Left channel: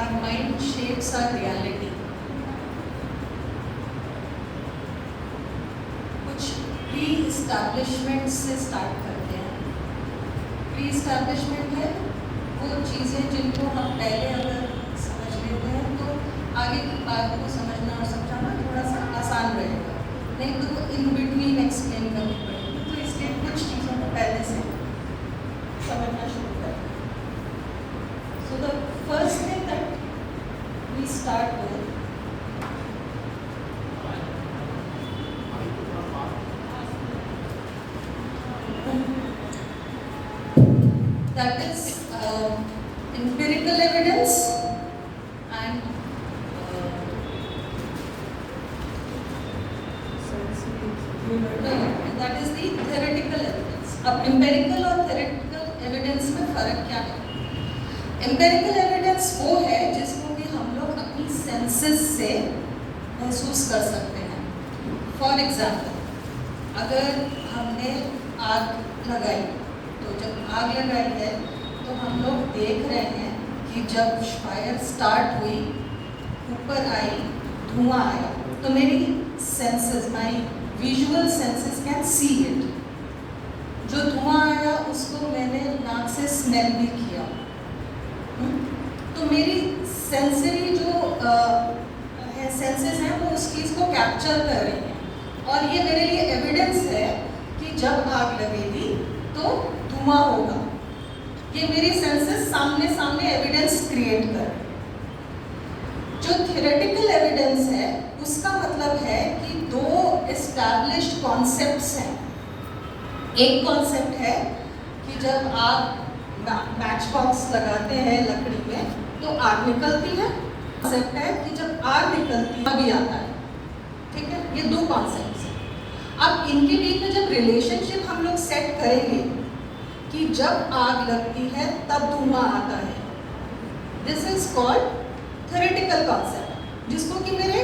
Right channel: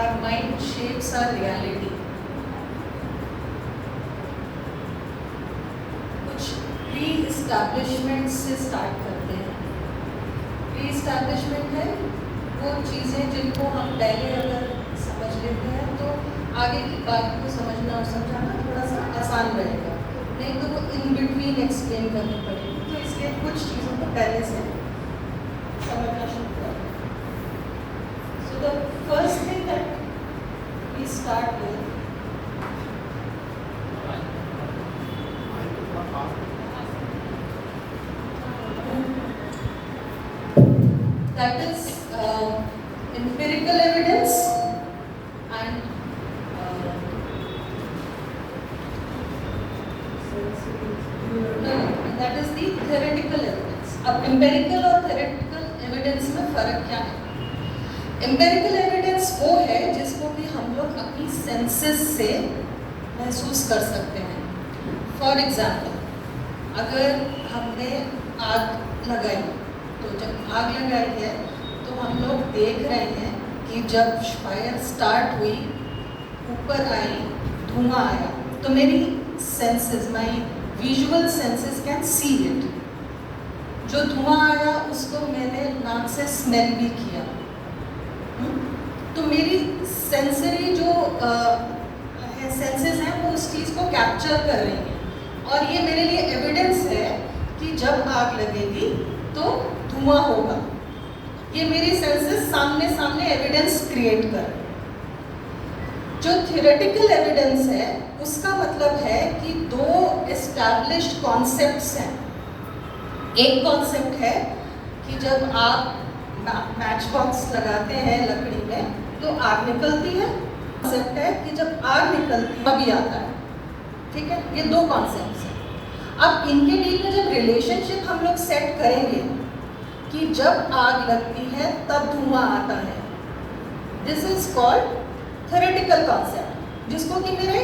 our mind shapes our reality. कुछ pre establishment से start करते हैं. प्री इस्टेब्लिशमेंट है वो चीज़ें जिनको हम पहले अगर समझ लेते हैं तो आगे की बात को समझना और समझाना थोड़ा सा आसान रहेगा, नहीं तो वो इन बिटवीन एक्सप्लेन करनी पड़ेगी. तो इसलिए कुछ चीज़ों को पहले से समझना शुरू करें. So the first thing that we start with that is empirical evidence and that is the theoretical evidence. अब empirical और theoretical evidence में फ़र्क क्या है? empirical evidence वो है जिसको कि हम लोग अपनी senses से महसूस कर सकते हैं. For example, अगर हमने आग लगाई, तो जब आग लगाई है तो हम लोग देख रहे हैं कि जब फायर स्टार्ट हुई, ऊपर आई, धुआं आया, तो मेरी senses, my visual senses can see it. जो धुआं आया उसको मैंने नाक से स्मेल भी किया. तो मेरी सेंसरी जो सेंसेस हैं वो उस चीज़ को कैप्चर कर रही हैं, और ये मेरे लिए एविडेंस है कि जब आग लगेगी तो धुआं होगा. ये मेरी सेंसेस सामने सामने एविडेंस क्रिएट कर रही है. जो थियोरेटिकल एविडेंस है उसका मतलब है कि दो एस्टैब्लिश्ड कॉन्सेप्ट्स हैं. एक कॉन्सेप्ट है कि जब आप मैच बॉक्स लगाते हैं लकड़ी में तो आग निकलती है. कॉन्सेप्ट है कि जब आग निकलती है अभी आता है. ठीक है, ये दो कॉन्सेप्ट्स हैं. अब इनके बीच में जब रिलेशनशिप हम लोग सेट करेंगे कि जब आग लगती है तब धुआं आता है, this is called theoretical concept, जिसको कि मेरे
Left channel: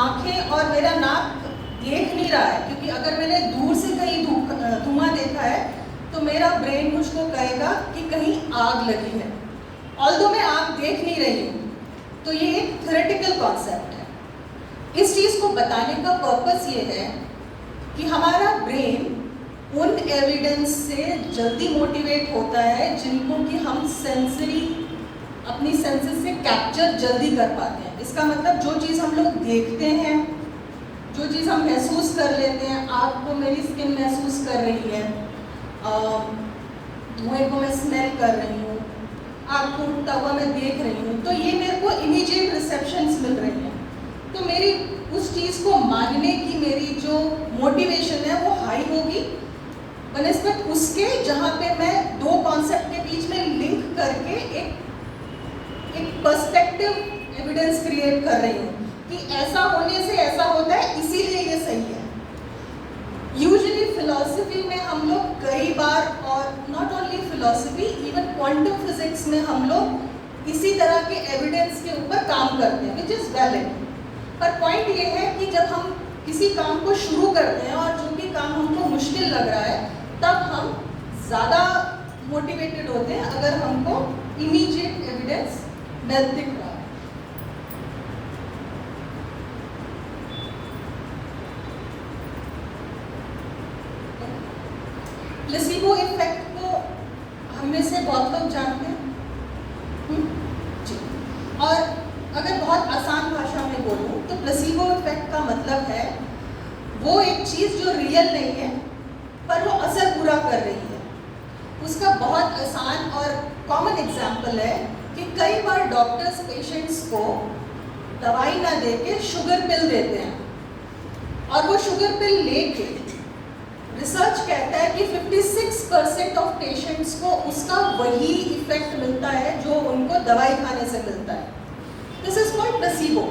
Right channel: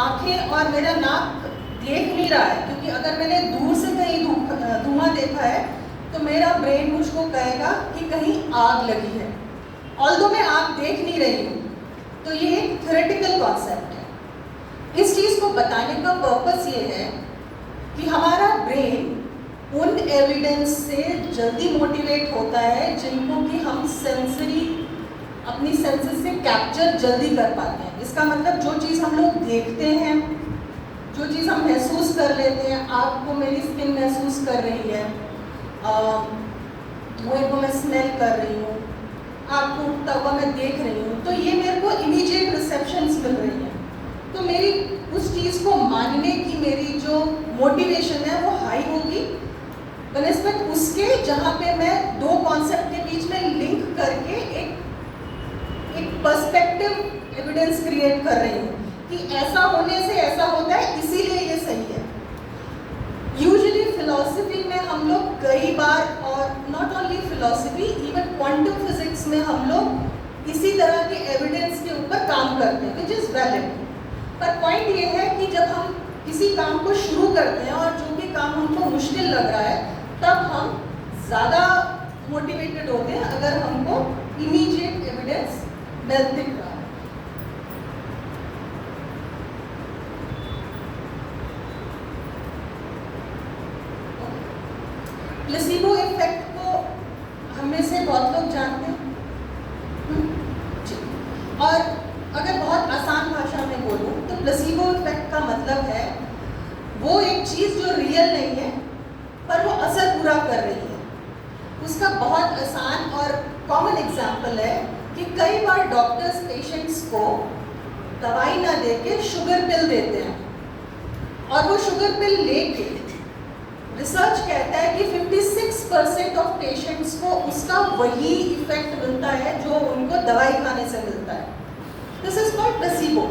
आंखें और मेरा नाक देख नहीं रहा है. क्योंकि अगर मैंने दूर से कहीं धुआं देखा है तो मेरा ब्रेन मुझको कहेगा कि कहीं आग लगी है, ऑल्दो मैं आग देख नहीं रही हूँ. तो ये एक थ्योरेटिकल कॉन्सेप्ट है. इस चीज़ को बताने का पर्पस ये है कि हमारा ब्रेन उन एविडेंस से जल्दी मोटिवेट होता है जिनको कि हम सेंसरी अपनी सेंसेस से कैप्चर जल्दी कर पाते हैं. इसका मतलब जो चीज़ हम लोग देखते हैं, जो चीज़ हम महसूस कर लेते हैं, आग को मेरी स्किन महसूस कर रही है, धुएं को मैं स्मेल कर रही हूँ, आग को उठता हुआ मैं देख रही हूँ, तो ये मेरे को इमीडिएट रिसेप्शंस मिल रही हैं. तो मेरी उस चीज़ को मानने की मेरी जो मोटिवेशन है वो हाई होगी बनस्पत उसके जहाँ पे मैं दो कॉन्सेप्ट के बीच में लिंक करके एक पर्सपेक्टिव एविडेंस क्रिएट कर रही हूँ कि ऐसा होने से ऐसा होता है, इसीलिए ये सही है. यूजुअली फिलॉसफी में हम लोग कई बार, और not only philosophy, even quantum physics में हम लोग इसी तरह के एविडेंस के ऊपर काम करते हैं, विच इज़ वैलिड. पर पॉइंट ये है कि जब हम किसी काम को शुरू करते हैं और जो भी काम हमको मुश्किल लग रहा है, तब हम ज़्यादा मोटिवेटेड होते हैं अगर हमको इमीडिएट एविडेंस दिख रहा है. प्लेसिबो इफेक्ट को हम में से बहुत लोग जानते हैं. और अगर बहुत आसान भाषा में बोलूँ तो प्लेसिबो इफेक्ट का मतलब है वो एक चीज़ जो रियल नहीं है पर वो असर पूरा कर रही है. उसका बहुत आसान और कॉमन एग्जाम्पल है कि कई बार डॉक्टर्स पेशेंट्स को दवाई ना देके शुगर पिल देते हैं, और वो शुगर पिल लेके रिसर्च कहता है कि 56% ऑफ पेशेंट्स को उसका वही इफेक्ट मिलता है जो उनको दवाई खाने से मिलता है. This is called placebo.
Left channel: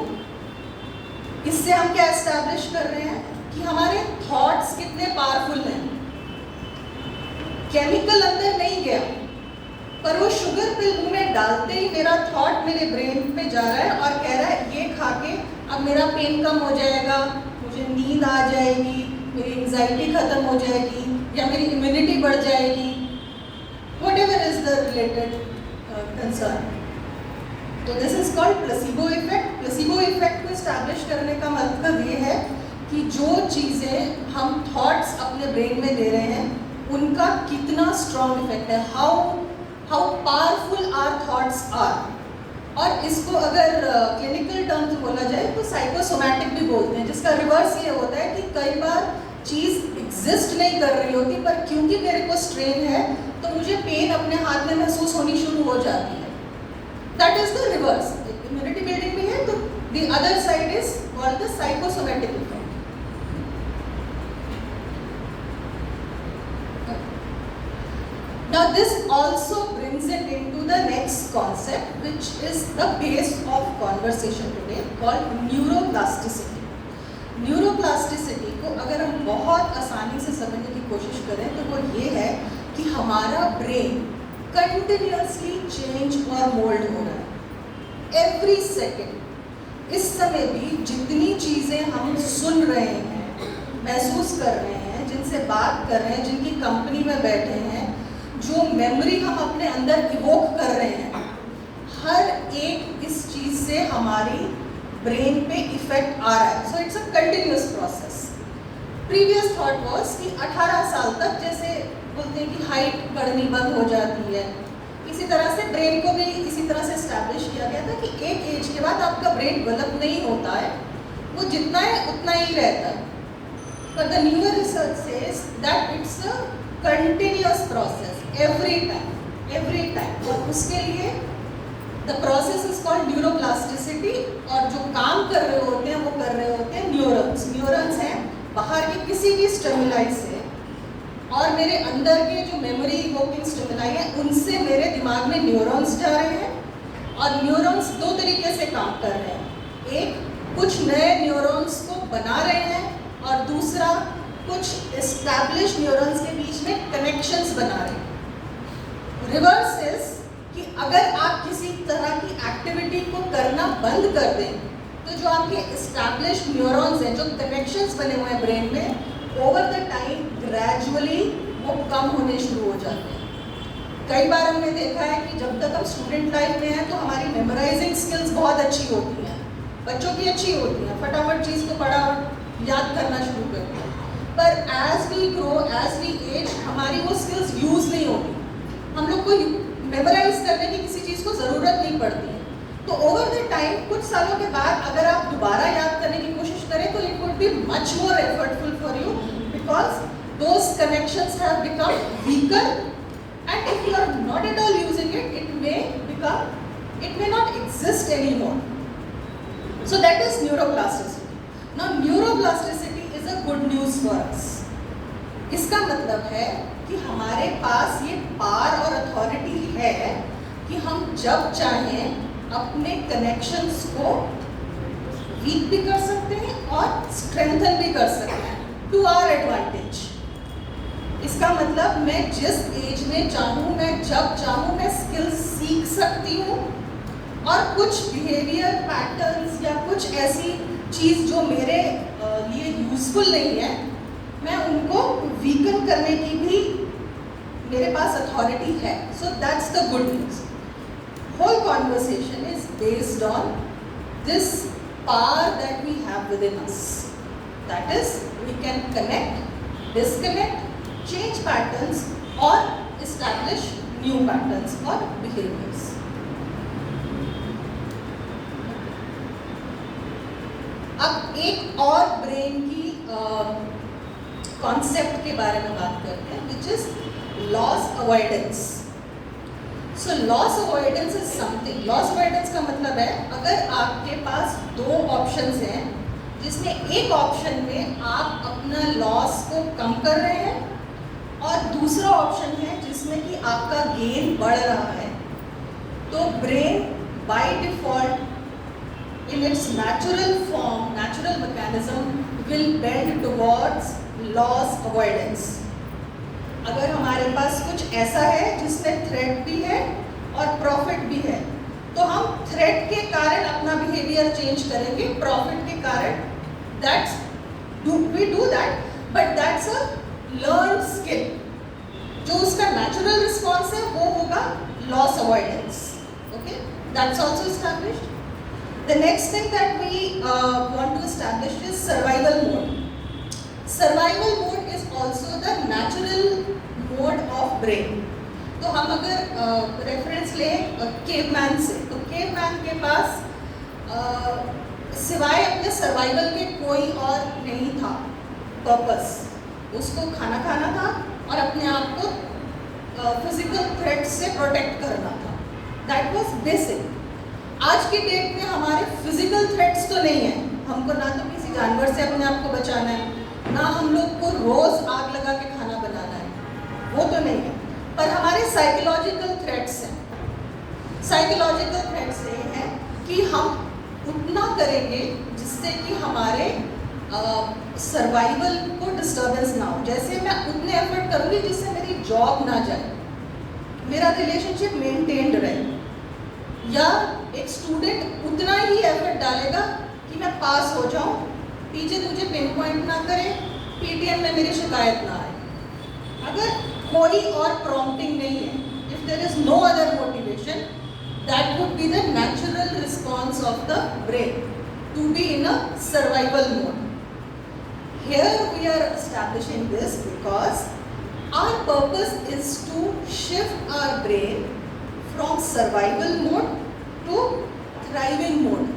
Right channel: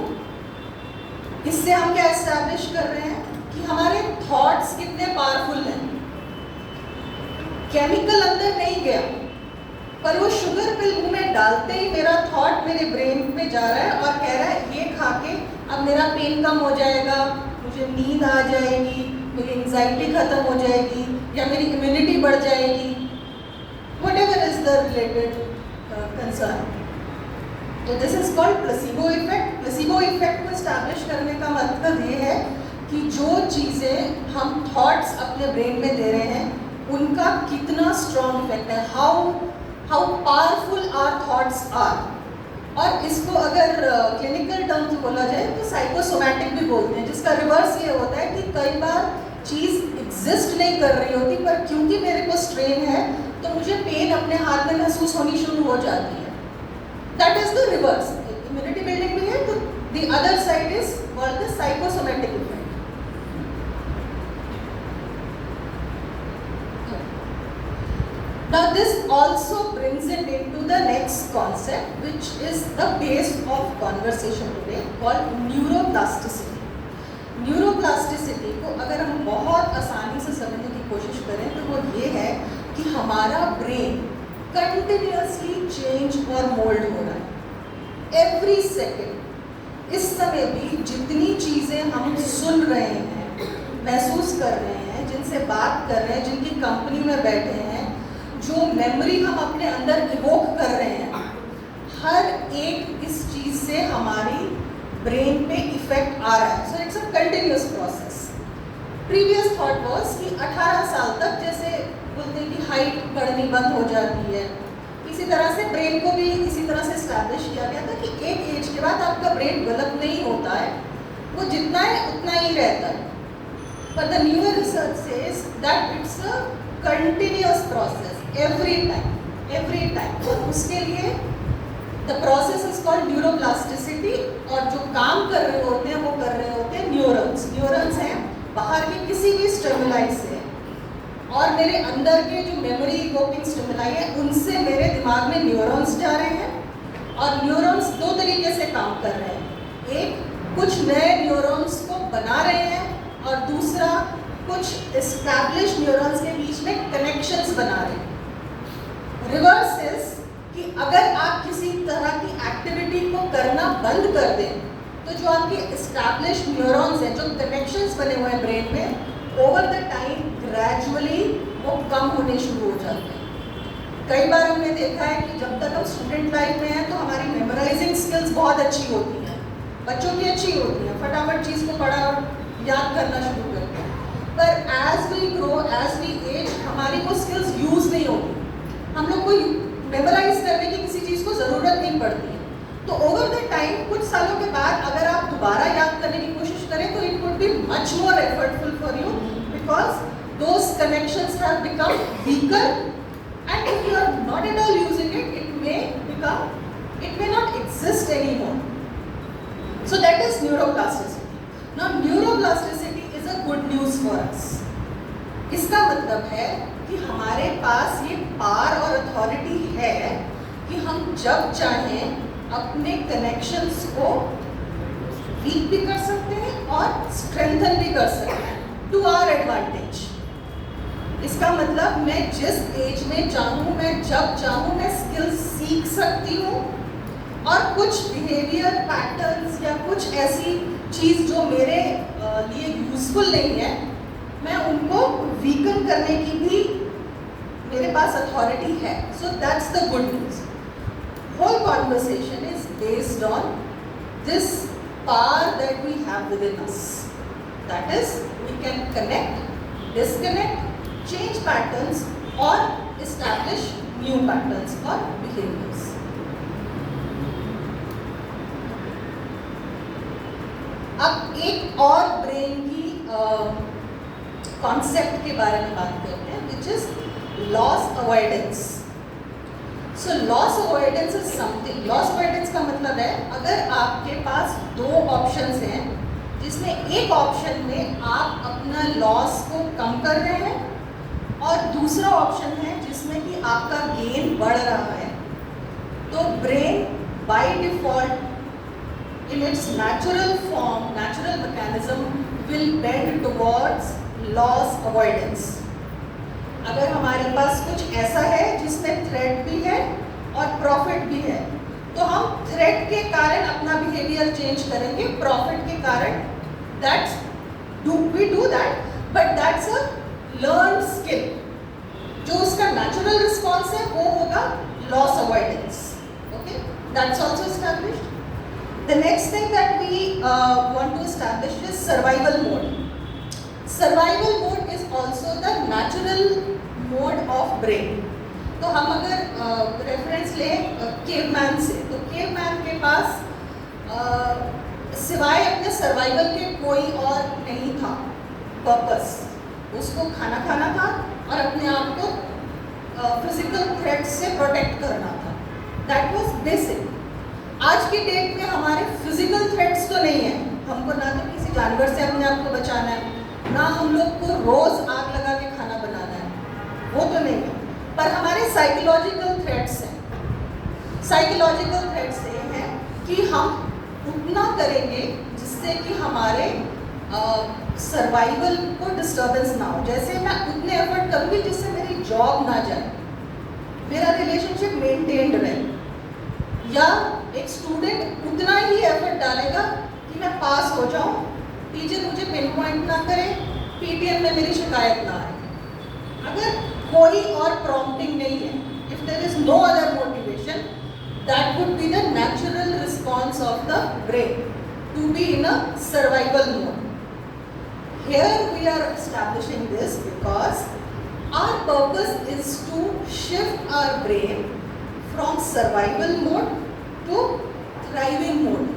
इससे हम क्या एस्टैब्लिश कर रहे हैं कि हमारे थॉट्स कितने पावरफुल हैं. केमिकल अंदर नहीं गया, पर वो शुगर पिल मुंह में डालते ही मेरा थॉट मेरे ब्रेन में जा रहा है और कह रहा है ये खा के अब मेरा पेन कम हो जाएगा, मुझे नींद आ जाएगी, मेरी एंजाइटी खत्म हो जाएगी, या मेरी इम्यूनिटी बढ़ जाएगी, whatever is the related concern. तो this is called placebo effect. Placebo effect को एस्टैब्लिश करने का मतलब ये है कि जो चीज़ें हम थॉट्स अपने ब्रेन में दे रहे हैं उनका कितना स्ट्रॉन्ग इफेक्ट है, how powerful our thoughts are. और इसको अगर क्लिनिकल टर्म्स बोला जाए तो साइकोसोमैटिक भी बोलते हैं, जिसका रिवर्स ये होता है कि कई बार चीज़ एग्जिस्ट नहीं कर रही होती, पर क्योंकि मेरे को स्ट्रेन है तो मुझे पेन अपने हाथ में महसूस होनी शुरू हो जाती है। That is the reverse. Immunity building भी है, तो the other side is called the psychosomatic effect. Now this also brings it into the next concept, which is the base of conversation today, called neuroplasticity. Neuroplasticity को अगर हम बहुत आसानी से समझने की कोशिश करें तो वो ये है कि हमारा ब्रेन कंटिन्यूअसली चेंज और मोल्ड हो रहा है एवरी सेकेंड। इस समय भी जितनी चीज़ें हम सुन रहे हैं, महसूस कर रहे हैं, जिनसे बात कर रहे हैं, जिनकी कंपनी में बैठे हैं, जो मेमोरी हम अपने अंदर इवोक कर रहे हैं, हर एक इस चीज़ से हमारी ब्रेन पे इफेक्ट आ रहा है। So it's a continuous process. Previous thought was कि 18 साल तक, जैसे बोलते हैं कि हाइट बढ़नी बंद हो जाती है, इसी तरह से ब्रेन को भी इसी तरह से स्टैब्लिश किया गया था कि एक एज के बाद आपका ब्रेन डेवलप नहीं होता है, वो जितना है उतना ही रहता है। पर the newer research says that it's a continuous process every time. और उसके लिए the process is called neuroplasticity. और जो काम कर रहे होते हैं वो कर रहे होते हैं न्यूरॉन्स। न्यूरॉन्स हैं बाहर के किसी भी स्टिमुलाई से, और मेरे अंदर के जो मेमोरी इवोकिंग स्टिमुलाई है उनसे मेरे दिमाग में न्यूरॉन्स जा रहे हैं। और न्यूरॉन्स दो तरीके से काम कर रहे हैं, एक कुछ नए न्यूरॉन्स को बना रहे हैं और दूसरा कुछ एस्टैब्लिश न्यूरॉन्स के बीच में कनेक्शंस बना रहे हैं। रिवर्स इज कि अगर आप किसी तरह की एक्टिविटी को करना बंद कर दें तो जो आपके एस्टैब्लिश न्यूरॉन्स हैं, जो कनेक्शंस बने हुए हैं ब्रेन में, ओवर द टाइम ग्रेजुअली वो कम होने शुरू हो जाते हैं। कई बार हमने देखा है कि जब तक हम स्टूडेंट लाइफ में हैं तो हमारी मेमोराइजिंग स्किल्स बहुत अच्छी होती हैं, बच्चों की अच्छी होती हैं, फटाफट चीज़ को फटाफट याद करना शुरू करते हैं। पर as we grow, as we age, हमारी वो स्किल्स यूज़ नहीं होती। हम लोग को मेमोराइज करने की किसी चीज़ को ज़रूरत नहीं पड़ती है। तो ओवर द टाइम, कुछ सालों के बाद अगर आप दोबारा याद करने की कोशिश करें तो it would be much more effortful for you, because those connections have become weaker, and if you are not at all using it, it may not exist any more. So that is neuroplasticity. Now neuroplasticity is a good news for us. इसका मतलब है कि हमारे पास ये power और authority है कि हम जब चाहें अपने कनेक्शंस को वीक भी कर सकते हैं और स्ट्रेंथन भी कर सकते हैं टू आवर एडवांटेज। इसका मतलब मैं जिस एज में चाहूँ, मैं जब चाहूँ, मैं स्किल्स सीख सकती हूँ, और कुछ बिहेवियर पैटर्न्स या कुछ ऐसी चीज़ जो मेरे लिए यूजफुल नहीं है, मैं उनको वीकन करने की भी मेरे पास अथॉरिटी है। So that's the good news. Whole conversation is based on this power that we have within us, that is we can connect, disconnect, change patterns और एस्टैब्लिश न्यू पैटर्न्स और behaviours. अब एक और brain की concept के बारे में बात करते हैं, which is loss avoidance. So loss avoidance is something, loss avoidance का मतलब है अगर आपके पास दो ऑप्शंस हैं जिसमें एक ऑप्शन में आप अपना लॉस को कम कर रहे हैं और दूसरा ऑप्शन है जिसमें कि आपका गेन बढ़ रहा है, तो brain by default in its natural form, natural mechanism will bend towards loss avoidance. अगर हमारे पास कुछ ऐसा है जिसमें थ्रेट भी है और प्रॉफिट भी है, तो हम थ्रेट के कारण अपना बिहेवियर चेंज करेंगे, प्रॉफिट के कारण we do that, but that's a learned skill. जो उसका नेचुरल रिस्पॉन्स है वो होगा loss avoidance. Okay, That's also established. The next thing that we want to establish is survival mode. Survival mode is also the natural mode of brain. तो हम अगर reference लें caveman से, तो केवमैन के पास सिवाय अपने सर्वाइवल के कोई और नहीं था पर्पस. उसको खाना खाना था और अपने आप को फिजिकल थ्रेट से प्रोटेक्ट करना था. That was basic. आज की डेट में हमारे फिजिकल थ्रेट्स तो नहीं है. हमको ना तो किसी जानवर से अपने आप को बचाना है, ना हम लोग को रोज आग लगा के खाना बनाना है, वो तो नहीं है. पर हमारे साइकोलॉजिकल थ्रेट्स हैं. साइकोलॉजिकल थ्रेट्स ये हैं कि हम उतना करेंगे जिससे कि हमारे सर्वाइवल को डिस्टर्बेंस ना हो. जैसे मैं उतने एफर्ट करूँगी जिससे मेरी जॉब ना जाए, मेरा रिलेशनशिप मेंटेन्ड रहे, या एक स्टूडेंट उतना ही एफर्ट डालेगा कि मैं पास हो जाऊँ, टीचर मुझे पिन पॉइंट ना करे, पीटीएम में मेरी शिकायत ना आए. अगर कोई और प्रॉम्प्टिंग नहीं है, if there is no other motivation, that would be the natural response of the brain to be in a survival mode. Here we are establishing this because our purpose is to shift our brain from survival mode to thriving mode.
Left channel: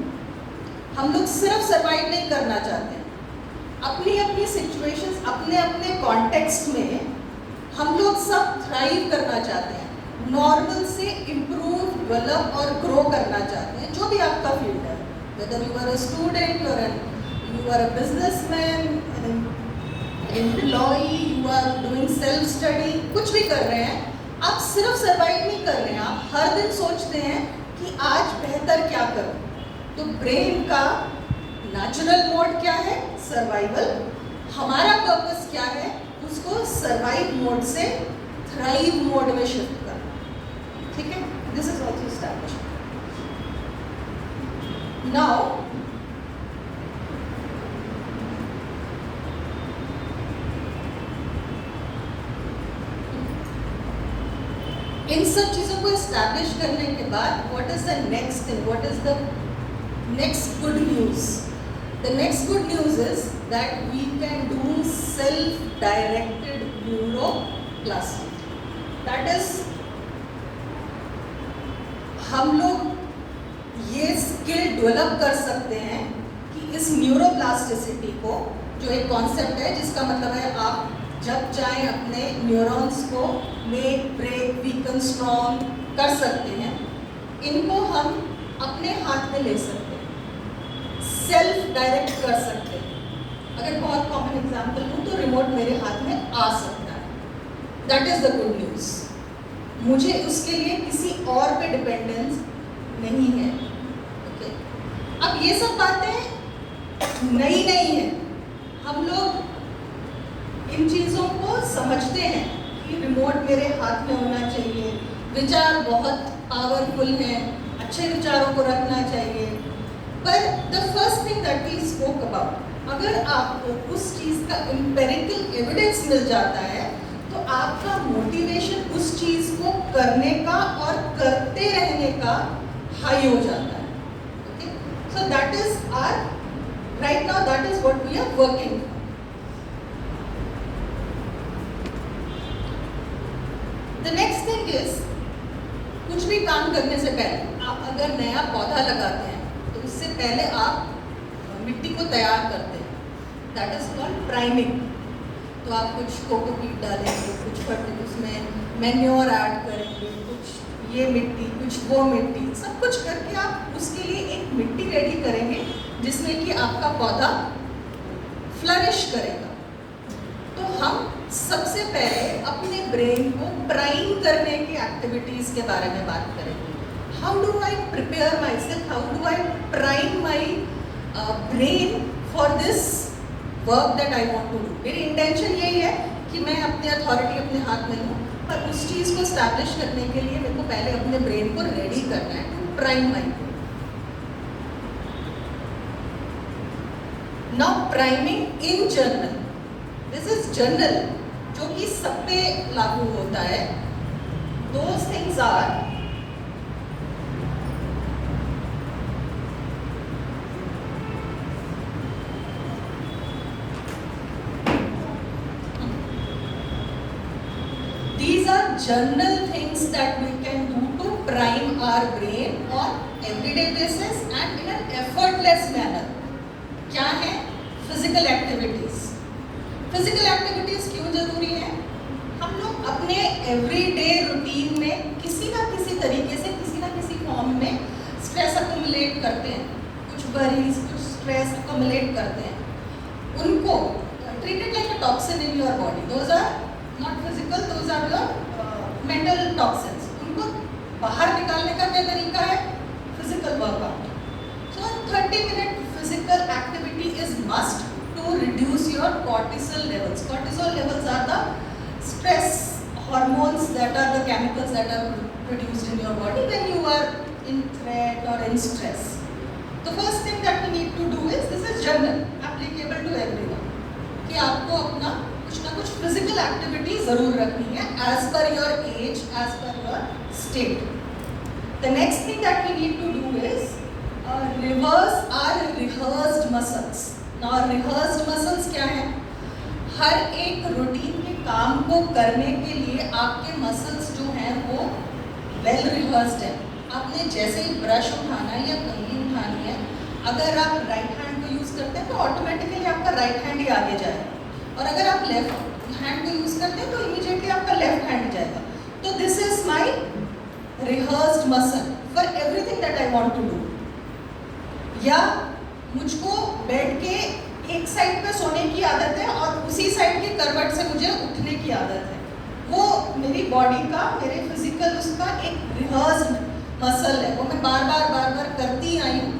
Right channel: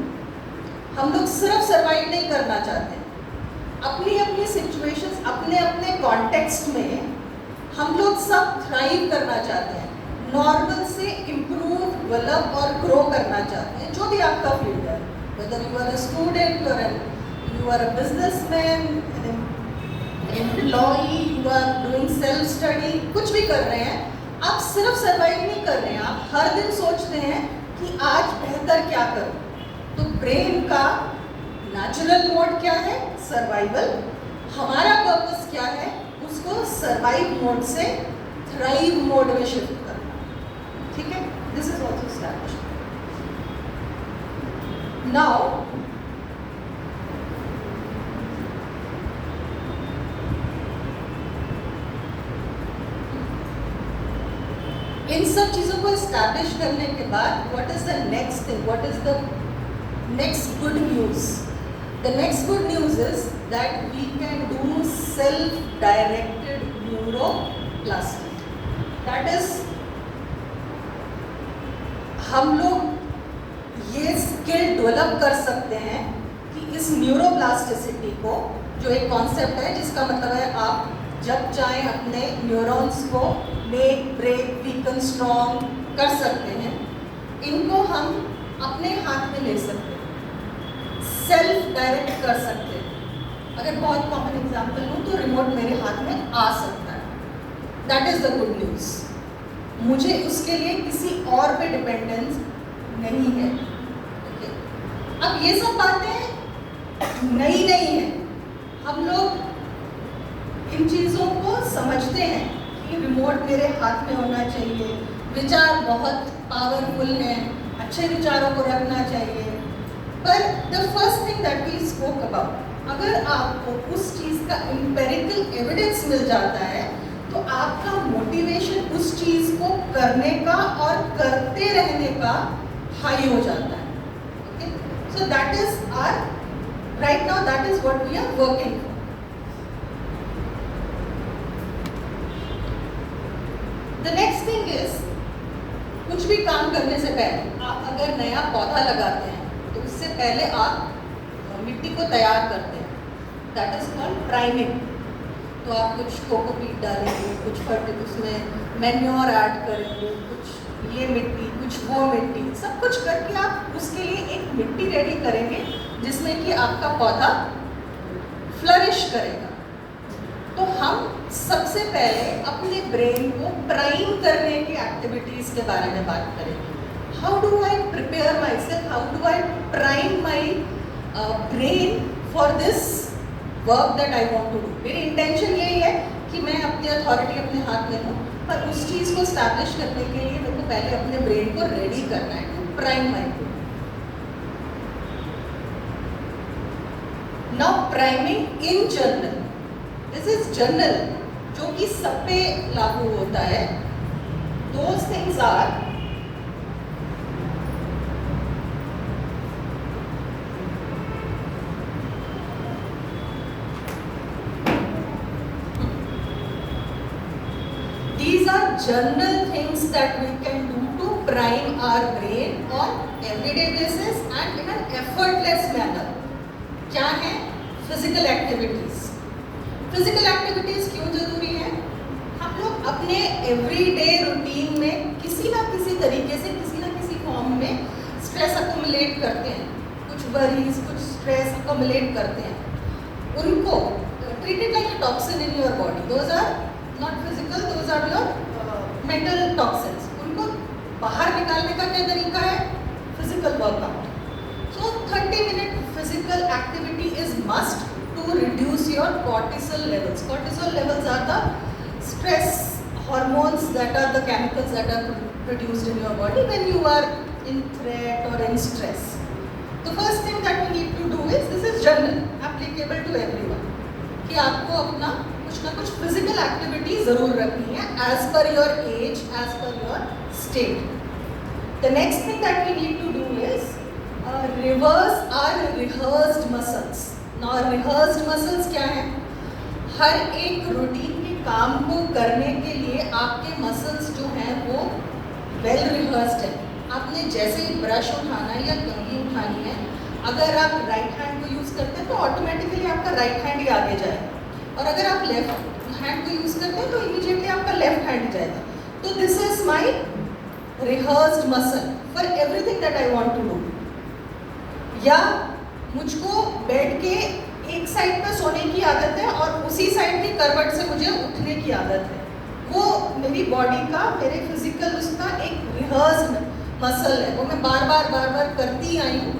हम लोग सिर्फ survive नहीं करना चाहते हैं. अपनी अपनी situations, अपने अपने कॉन्टेक्स्ट में हम लोग सब थ्राइव करना चाहते हैं. नॉर्मल से इम्प्रूव, डेवलप और ग्रो करना चाहते हैं, जो भी आपका फील्ड है. Whether you are a student, you are a businessman, an employee, you are doing self study, कुछ भी कर रहे हैं, आप सिर्फ सर्वाइव नहीं कर रहे हैं. आप हर दिन सोचते हैं कि आज बेहतर क्या करूं. तो ब्रेन का नेचुरल मोड क्या है? सर्वाइवल. हमारा पर्पस क्या है? उसको सर्वाइव मोड से थ्राइव मोड में शिफ्ट करना. ठीक है? This is also established. Now इन सब चीज़ों को एस्टैब्लिश करने के बाद what is the next thing, what is the next good news? The next good news is that we can do self directed neuroplasty. That is, हम लोग ये स्किल डेवलप कर सकते हैं कि इस न्यूरोप्लास्टिसिटी को, जो एक कॉन्सेप्ट है जिसका मतलब है आप जब चाहें अपने न्यूरॉन्स को मेक, ब्रेक, वीकन, स्ट्रॉन्ग कर सकते हैं. इनको हम अपने हाथ में ले सकते हैं, सेल्फ डायरेक्ट कर सकते हैं. अगर बहुत कॉमन एग्जांपल लूँ तो रिमोट मेरे हाथ में आ सकता है. That is the good news. मुझे उसके लिए किसी और पे डिपेंडेंस नहीं है. ओके, अब ये सब बातें नई नहीं है. हम लोग इन चीज़ों को समझते हैं कि रिमोट मेरे हाथ में होना चाहिए, विचार बहुत पावरफुल हैं, अच्छे विचारों को रखना चाहिए. पर the first thing that we spoke about, अगर आपको उस चीज़ का एम्पिरिकल एविडेंस मिल जाता है तो आपका मोटिवेशन उस चीज़ को करने का और करते रहने का हाई हो जाता है. Okay, so that is our right now, that is what we are working. The next thing is, कुछ भी काम करने से पहले आप अगर नया पौधा लगाते हैं तो उससे पहले आप मिट्टी को तैयार करते हैं. That is called priming. तो आप कुछ कोकोपीट डालेंगे, कुछ फर्टिलाइजर, उसमें मैन्योर ऐड करेंगे, कुछ ये मिट्टी, कुछ वो मिट्टी, सब कुछ करके आप उसके लिए एक मिट्टी रेडी करेंगे जिसमें कि आपका पौधा फ्लरिश करेगा. तो हम सबसे पहले अपने ब्रेन को प्राइम करने की एक्टिविटीज़ के बारे में बात करेंगे. How do I prepare myself, how do I prime my brain for this work that I want to do. मेरी इंटेंशन यही है कि मैं अपनी अथॉरिटी अपने हाथ में लूँ, पर उस चीज़ को स्टैब्लिश करने के लिए मेरे को पहले अपने ब्रेन को रेडी करना है to prime my brain. Now priming in general, this is general, जो कि सब पे लागू होता है. Those things are general things that we can do to prime our brain on everyday basis and in an effortless manner. क्या है? Physical activities. Physical activities क्यों जरूरी है? हम लोग अपने everyday routine में किसी ना किसी तरीके से किसी ना किसी फॉर्म में स्ट्रेस accumulate करते हैं, कुछ worries, कुछ स्ट्रेस accumulate करते हैं. उनको treat it like a toxin in your body. Those are not physical, those are your mental toxins. उनको बाहर निकालने का क्या तरीका है? Physical workout. So 30-minute physical activity is must to reduce your cortisol levels. Cortisol levels are the stress hormones, that are the chemicals that are produced in your body when you are in threat or in stress. The first thing that we need to do is, this is general, applicable to everyone, कि आपको अपना कुछ ना कुछ physical activity जरूर रखनी है as per your age, as per your state. The next thing that we need to do is reverse our rehearsed muscles. Now rehearsed muscles क्या है? हर एक रूटीन के काम को करने के लिए आपके मसल्स जो हैं वो वेल रिहर्स्ड है. आपने जैसे ही ब्रश उठाना है या कंघी उठानी है, अगर आप राइट हैंड को यूज़ करते हैं तो ऑटोमेटिकली आपका राइट हैंड ही आगे जाएगा, और अगर आप लेफ्ट हैंड को यूज़ करते हैं तो इमीडिएटली आपका लेफ्ट हैंड जाएगा. तो this is my rehearsed muscle for everything that I want to do. या मुझको बेड के एक साइड पे सोने की आदत है और उसी साइड के करवट से मुझे उठने की आदत है. वो मेरी बॉडी का, मेरे फिजिकल उसका एक रिहर्स्ड मसल है, वो मैं बार बार करती आई हूँ.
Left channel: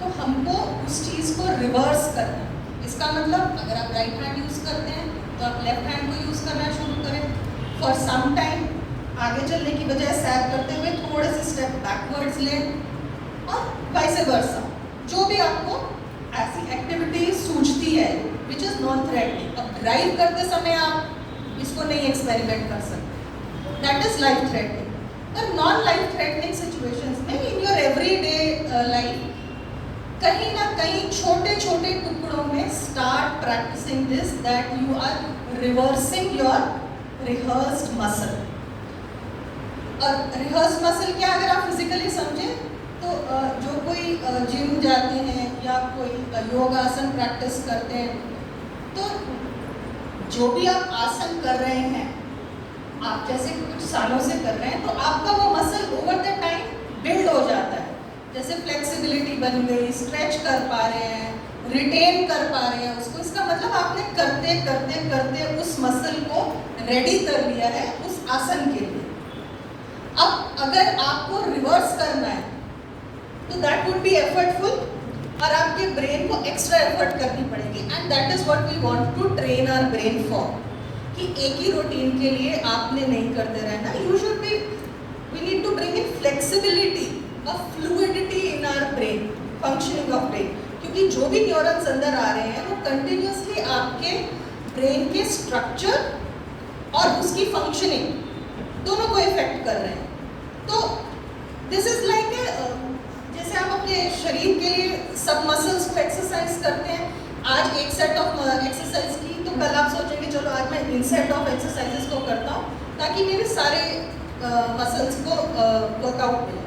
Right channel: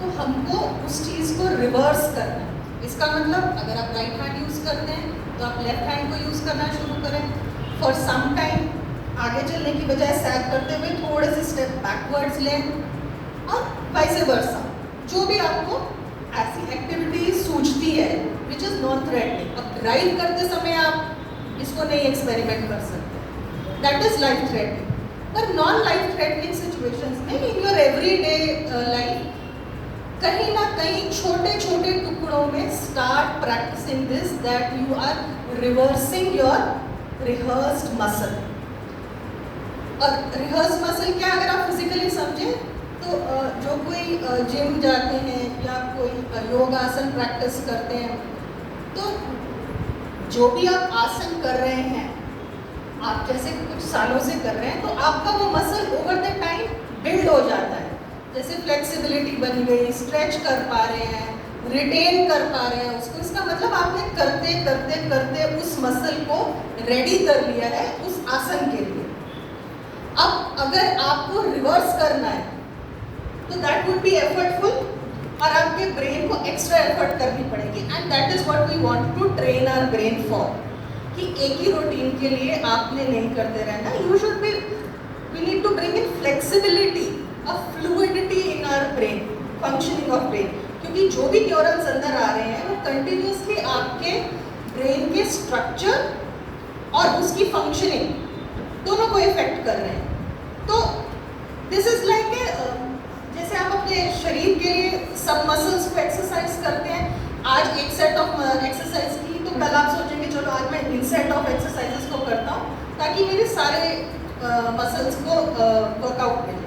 तो हमको उस चीज़ को रिवर्स करना है. इसका मतलब अगर आप राइट हैंड यूज़ करते हैं तो आप लेफ्ट हैंड को यूज़ करना शुरू करें. फॉर सम टाइम आगे चलने की बजाय सैर करते हुए थोड़े से स्टेप बैकवर्ड्स लें, और वाइस वर्सा. जो भी आपको ऐसी एक्टिविटी सूझती है विच इज़ नॉन थ्रेटनिंग. अब ड्राइव करते समय आप इसको नहीं एक्सपेरिमेंट कर सकते, दैट इज़ लाइफ थ्रेटनिंग. पर नॉन लाइफ थ्रेटनिंग सिचुएशंस में इन योर एवरीडे लाइफ कहीं ना कहीं छोटे छोटे टुकड़ों में start practicing this, that you are reversing your rehearsed muscle. और रिहर्स्ड मसल क्या, अगर आप फिजिकली समझें तो जो कोई जिम जाते हैं या कोई योगासन प्रैक्टिस करते हैं, तो जो भी आप आसन कर रहे हैं, आप जैसे कुछ सालों से कर रहे हैं, तो आपका वो muscle over the time build हो जाता है. जैसे फ्लेक्सिबिलिटी बन गई, स्ट्रेच कर पा रहे हैं, रिटेन कर पा रहे हैं उसको. इसका मतलब आपने करते करते करते उस मसल को रेडी कर लिया है उस आसन के लिए. अब अगर आपको रिवर्स करना है तो दैट वुड बी एफर्टफुल, और आपके ब्रेन को एक्स्ट्रा एफर्ट करनी पड़ेगी. And that is what we want to train our brain for, कि एक ही रूटीन के लिए आपने नहीं करते रहना. You should be, we need to bring in flexibility, a fluidity in our brain, functioning of brain. क्योंकि जो भी न्यूरॉन्स अंदर आ रहे हैं वो कंटिन्यूसली आपके ब्रेन के स्ट्रक्चर और उसकी फंक्शनिंग दोनों को इफेक्ट कर रहे हैं. तो दिस इज लाइक जैसे आप अपने शरीर के लिए सब मसल्स को एक्सरसाइज करते हैं. आज एक सेट ऑफ एक्सरसाइज की, तो कल आप सोचेंगे चलो आज मैं इन सेट ऑफ एक्सरसाइजेस को करता हूँ ताकि मेरे सारे मसल्स को वर्कआउट मिले.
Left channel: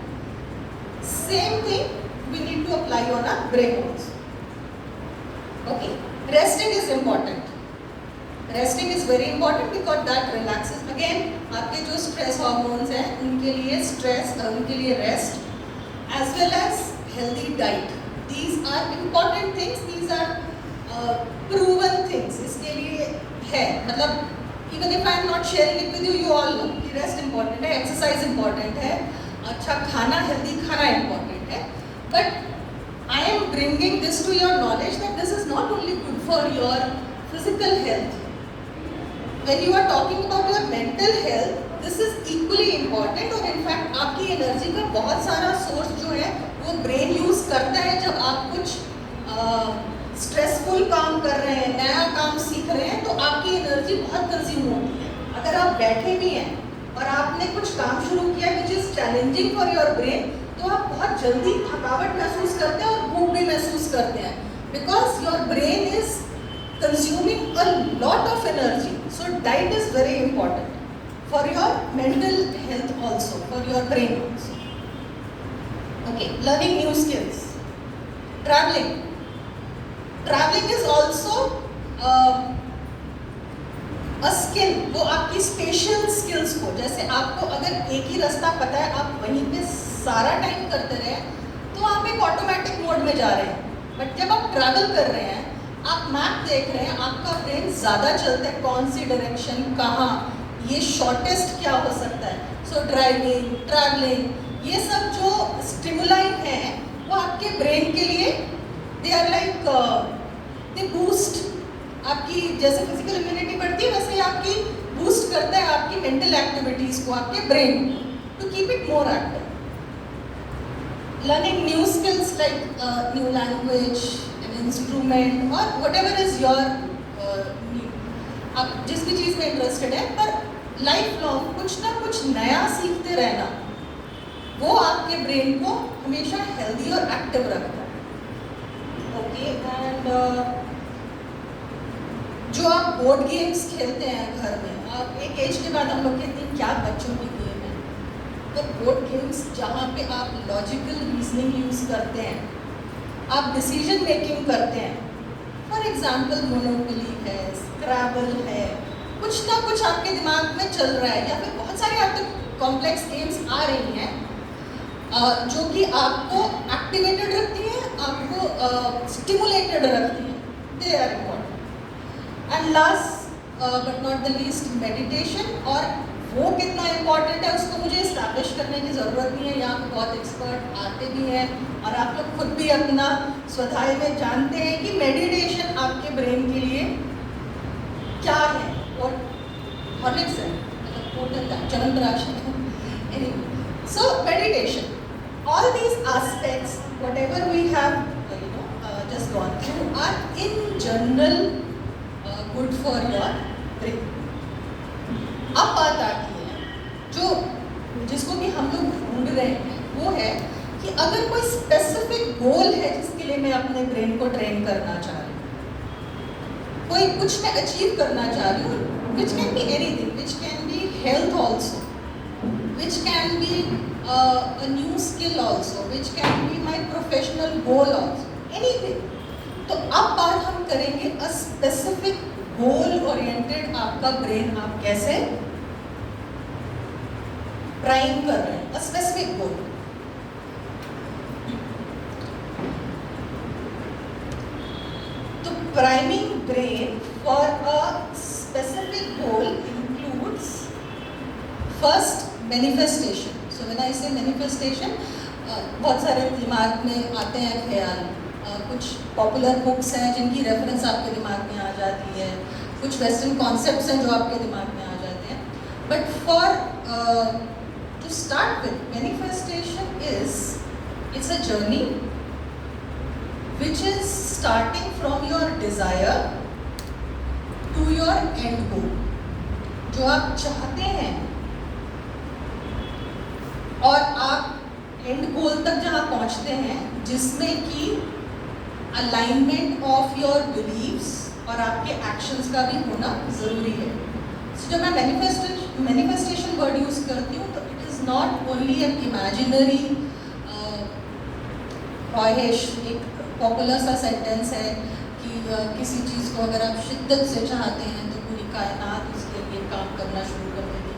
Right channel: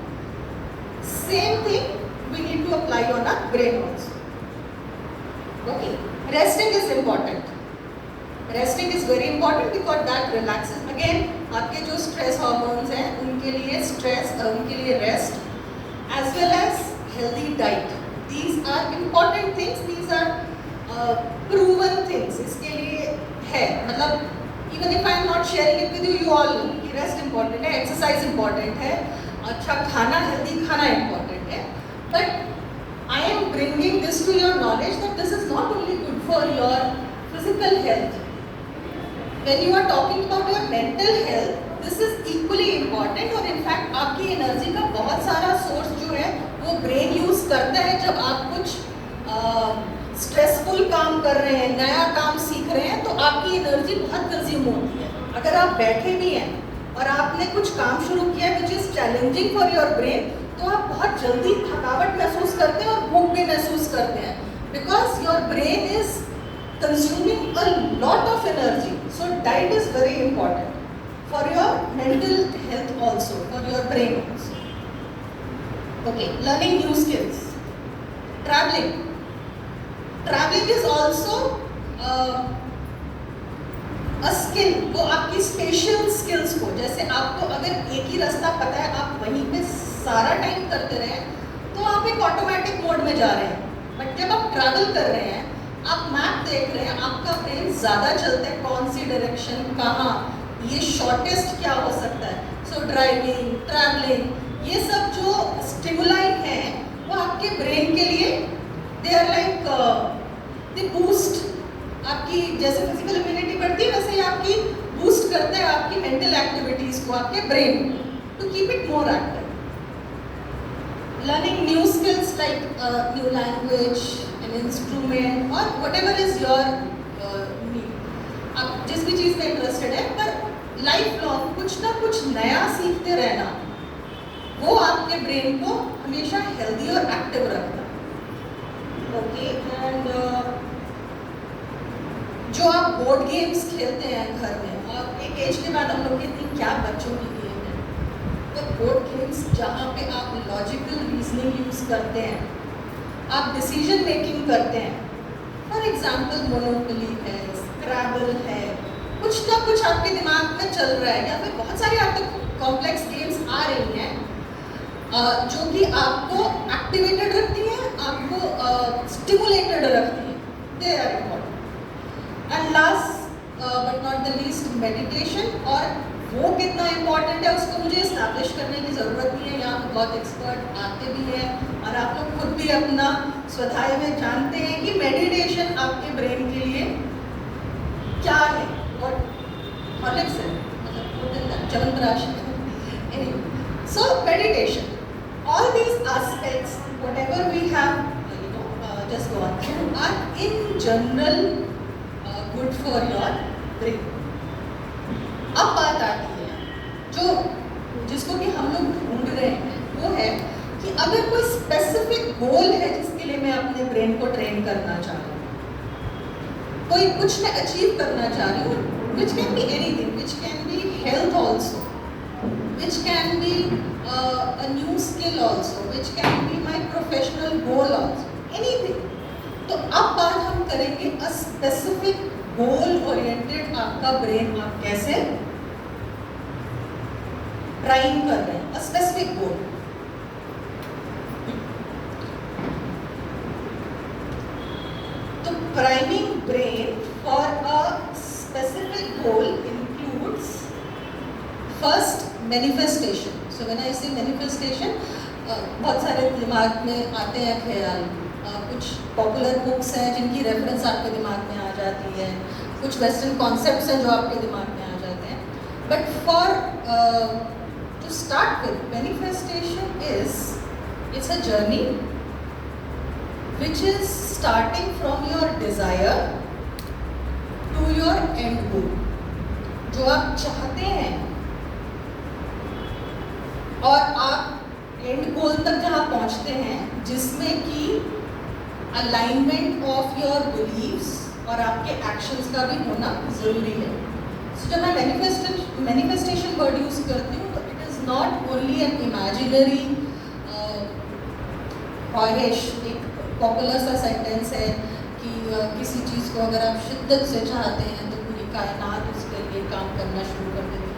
Same thing we need to apply on our brain also. Okay, resting is important. Resting is very important because that relaxes. Again आपके जो स्ट्रेस हार्मोन्स हैं उनके लिए स्ट्रेस, उनके लिए rest as well as healthy diet. These are important things. These are proven things. इसके लिए है, मतलब even if I am not sharing it with you, you all know कि rest important है, exercise important है, अच्छा खाना, healthy खाना important है. But I am bringing this to your knowledge that this is not only good for your physical health. When you are talking about your mental health, this is equally important. और in fact आपकी energy का बहुत सारा source जो है वो brain use करता है. जब आप कुछ स्ट्रेसफुल काम कर रहे हैं, नया काम सीख रहे हैं, तो आपकी एनर्जी बहुत कंज्यूम होती है. अगर आप बैठे भी हैं और आपने कुछ काम शुरू किया which is challenging for your brain, तो आप बहुत जल्दी थकावट महसूस करते हैं और भूख भी महसूस करते हैं, because your brain is consuming a lot of energy. So diet is very important. for your mental health also, for your brain also. Okay, learning new skills. Traveling. Traveling is also a skill. वो आपकी special skills को, जैसे आपको अगर एक ही रास्ता पता है, आप वहीं पे सारा टाइम करते रहे तो आप एक ऑटोमेटिक मोड में जा रहे हैं. बट जब आप ट्रैवल कर रहे हैं, आप मैप देख रहे हैं, आपका ब्रेन ज़्यादा चलता है, कौन सी डायरेक्शन, कहाँ, ये शॉर्टेस्ट क्या हो सकता है. सो ड्राइविंग, ट्रैवलिंग, ये सब जो स्टिमुलाई हैं वो आपके ब्रेन के लिए they are like they boost. आपकी जैसे फिजिकल इम्यूनिटी बढ़ती है, वैसे ही आपकी बूस्ट करता है आपकी मेंटल एक्टिविटीज़ को, आपके brain to keep it more active. Learning new skills like new language, an instrument और वट एवर इज योर, आप जिस भी चीज़ में इंटरेस्टेड है, पर लाइफ लॉन्ग कुछ ना कुछ नया सीखते रहना, वो आपके ब्रेन को हमेशा हेल्दी और एक्टिव रखता है. ओके, एंड जो आप बोर्ड गेम्स खेलते हैं घर में, और एक एज के बाद हम लोग कहते हैं क्या बच्चों की गेम है, तो बोर्ड गेम्स जहाँ पे आप लॉजिकल रीजनिंग यूज़ करते हैं, आप डिसीजन मेकिंग करते हैं. फॉर एग्जाम्पल मोनोपोली है, स्क्रैबल है, कुछ ना कुछ आपके दिमाग में चल रहा है, या फिर बहुत सारी आप तक कॉम्प्लेक्स गेम्स आ रही हैं जो कि आपको एक्टिवेटेड रखती हैं, आपको स्टिमुलेटेड रखती हैं. They are important. And last but not the least, meditation. और वो कितना इम्पॉर्टेंट है उसको मुझे इस्टेब्लिश करने की ज़रूरत नहीं है, यहाँ पे बहुत एक्सपर्ट आते भी हैं और आप लोग खुद भी अपना स्वधाय में जानते हैं कि मेडिटेशन आपके ब्रेन के लिए क्या है. और हॉर्लिक्स है, चवंतराक्ष. Anyway, so meditation, all these aspects, whatever we have just gone through, are in general good for your brain. अब बात आती है जो जिसको कि हम लोग ढूंढ रहे हैं, वो है कि अगर कोई स्पेसिफिक गोल है जिसके लिए मैं अपने ब्रेन को ट्रेन करना चाह रही हूँ, कोई कुछ मैं अचीव करना चाह रही हूँ, which can be anything, which can be health also, which can be a new skill also, which can be my professional goal also, anything. तो अब बात हम करेंगे a specific goal oriented आपका ब्रेन आप कैसे प्राइम कर रहे हैं, a specific goal. तो priming brain for a specific goal includes first manifestation. So when I say manifestation, बहुत सारे दिमाग में आते हैं ख्याल, कुछ पॉपुलर बुक्स हैं जिनकी रेफरेंस आपके दिमाग में आ जाती है, कुछ वेस्टर्न कॉन्सेप्ट्स हैं जो आपके दिमाग में आ जाते हैं. But for to start with, manifestation it's a journey which is starting from your desire to your end goal. जो आप चाहते हैं और आप एंड गोल तक जहाँ पहुँचते हैं, जिसमें कि अलाइनमेंट ऑफ योर बिलीव्स और आपके एक्शंस का भी होना ज़रूरी है. सो जब मैं मैनिफेस्टेशन वर्ड यूज़ करती हूँ, तो it is not only an imaginary ख्वाहिश. एक पॉपुलर सा सेंटेंस है कि किसी चीज़ को अगर आप शिद्दत से चाहते हैं तो पूरी कायनात उसके लिए काम करना शुरू कर देगी.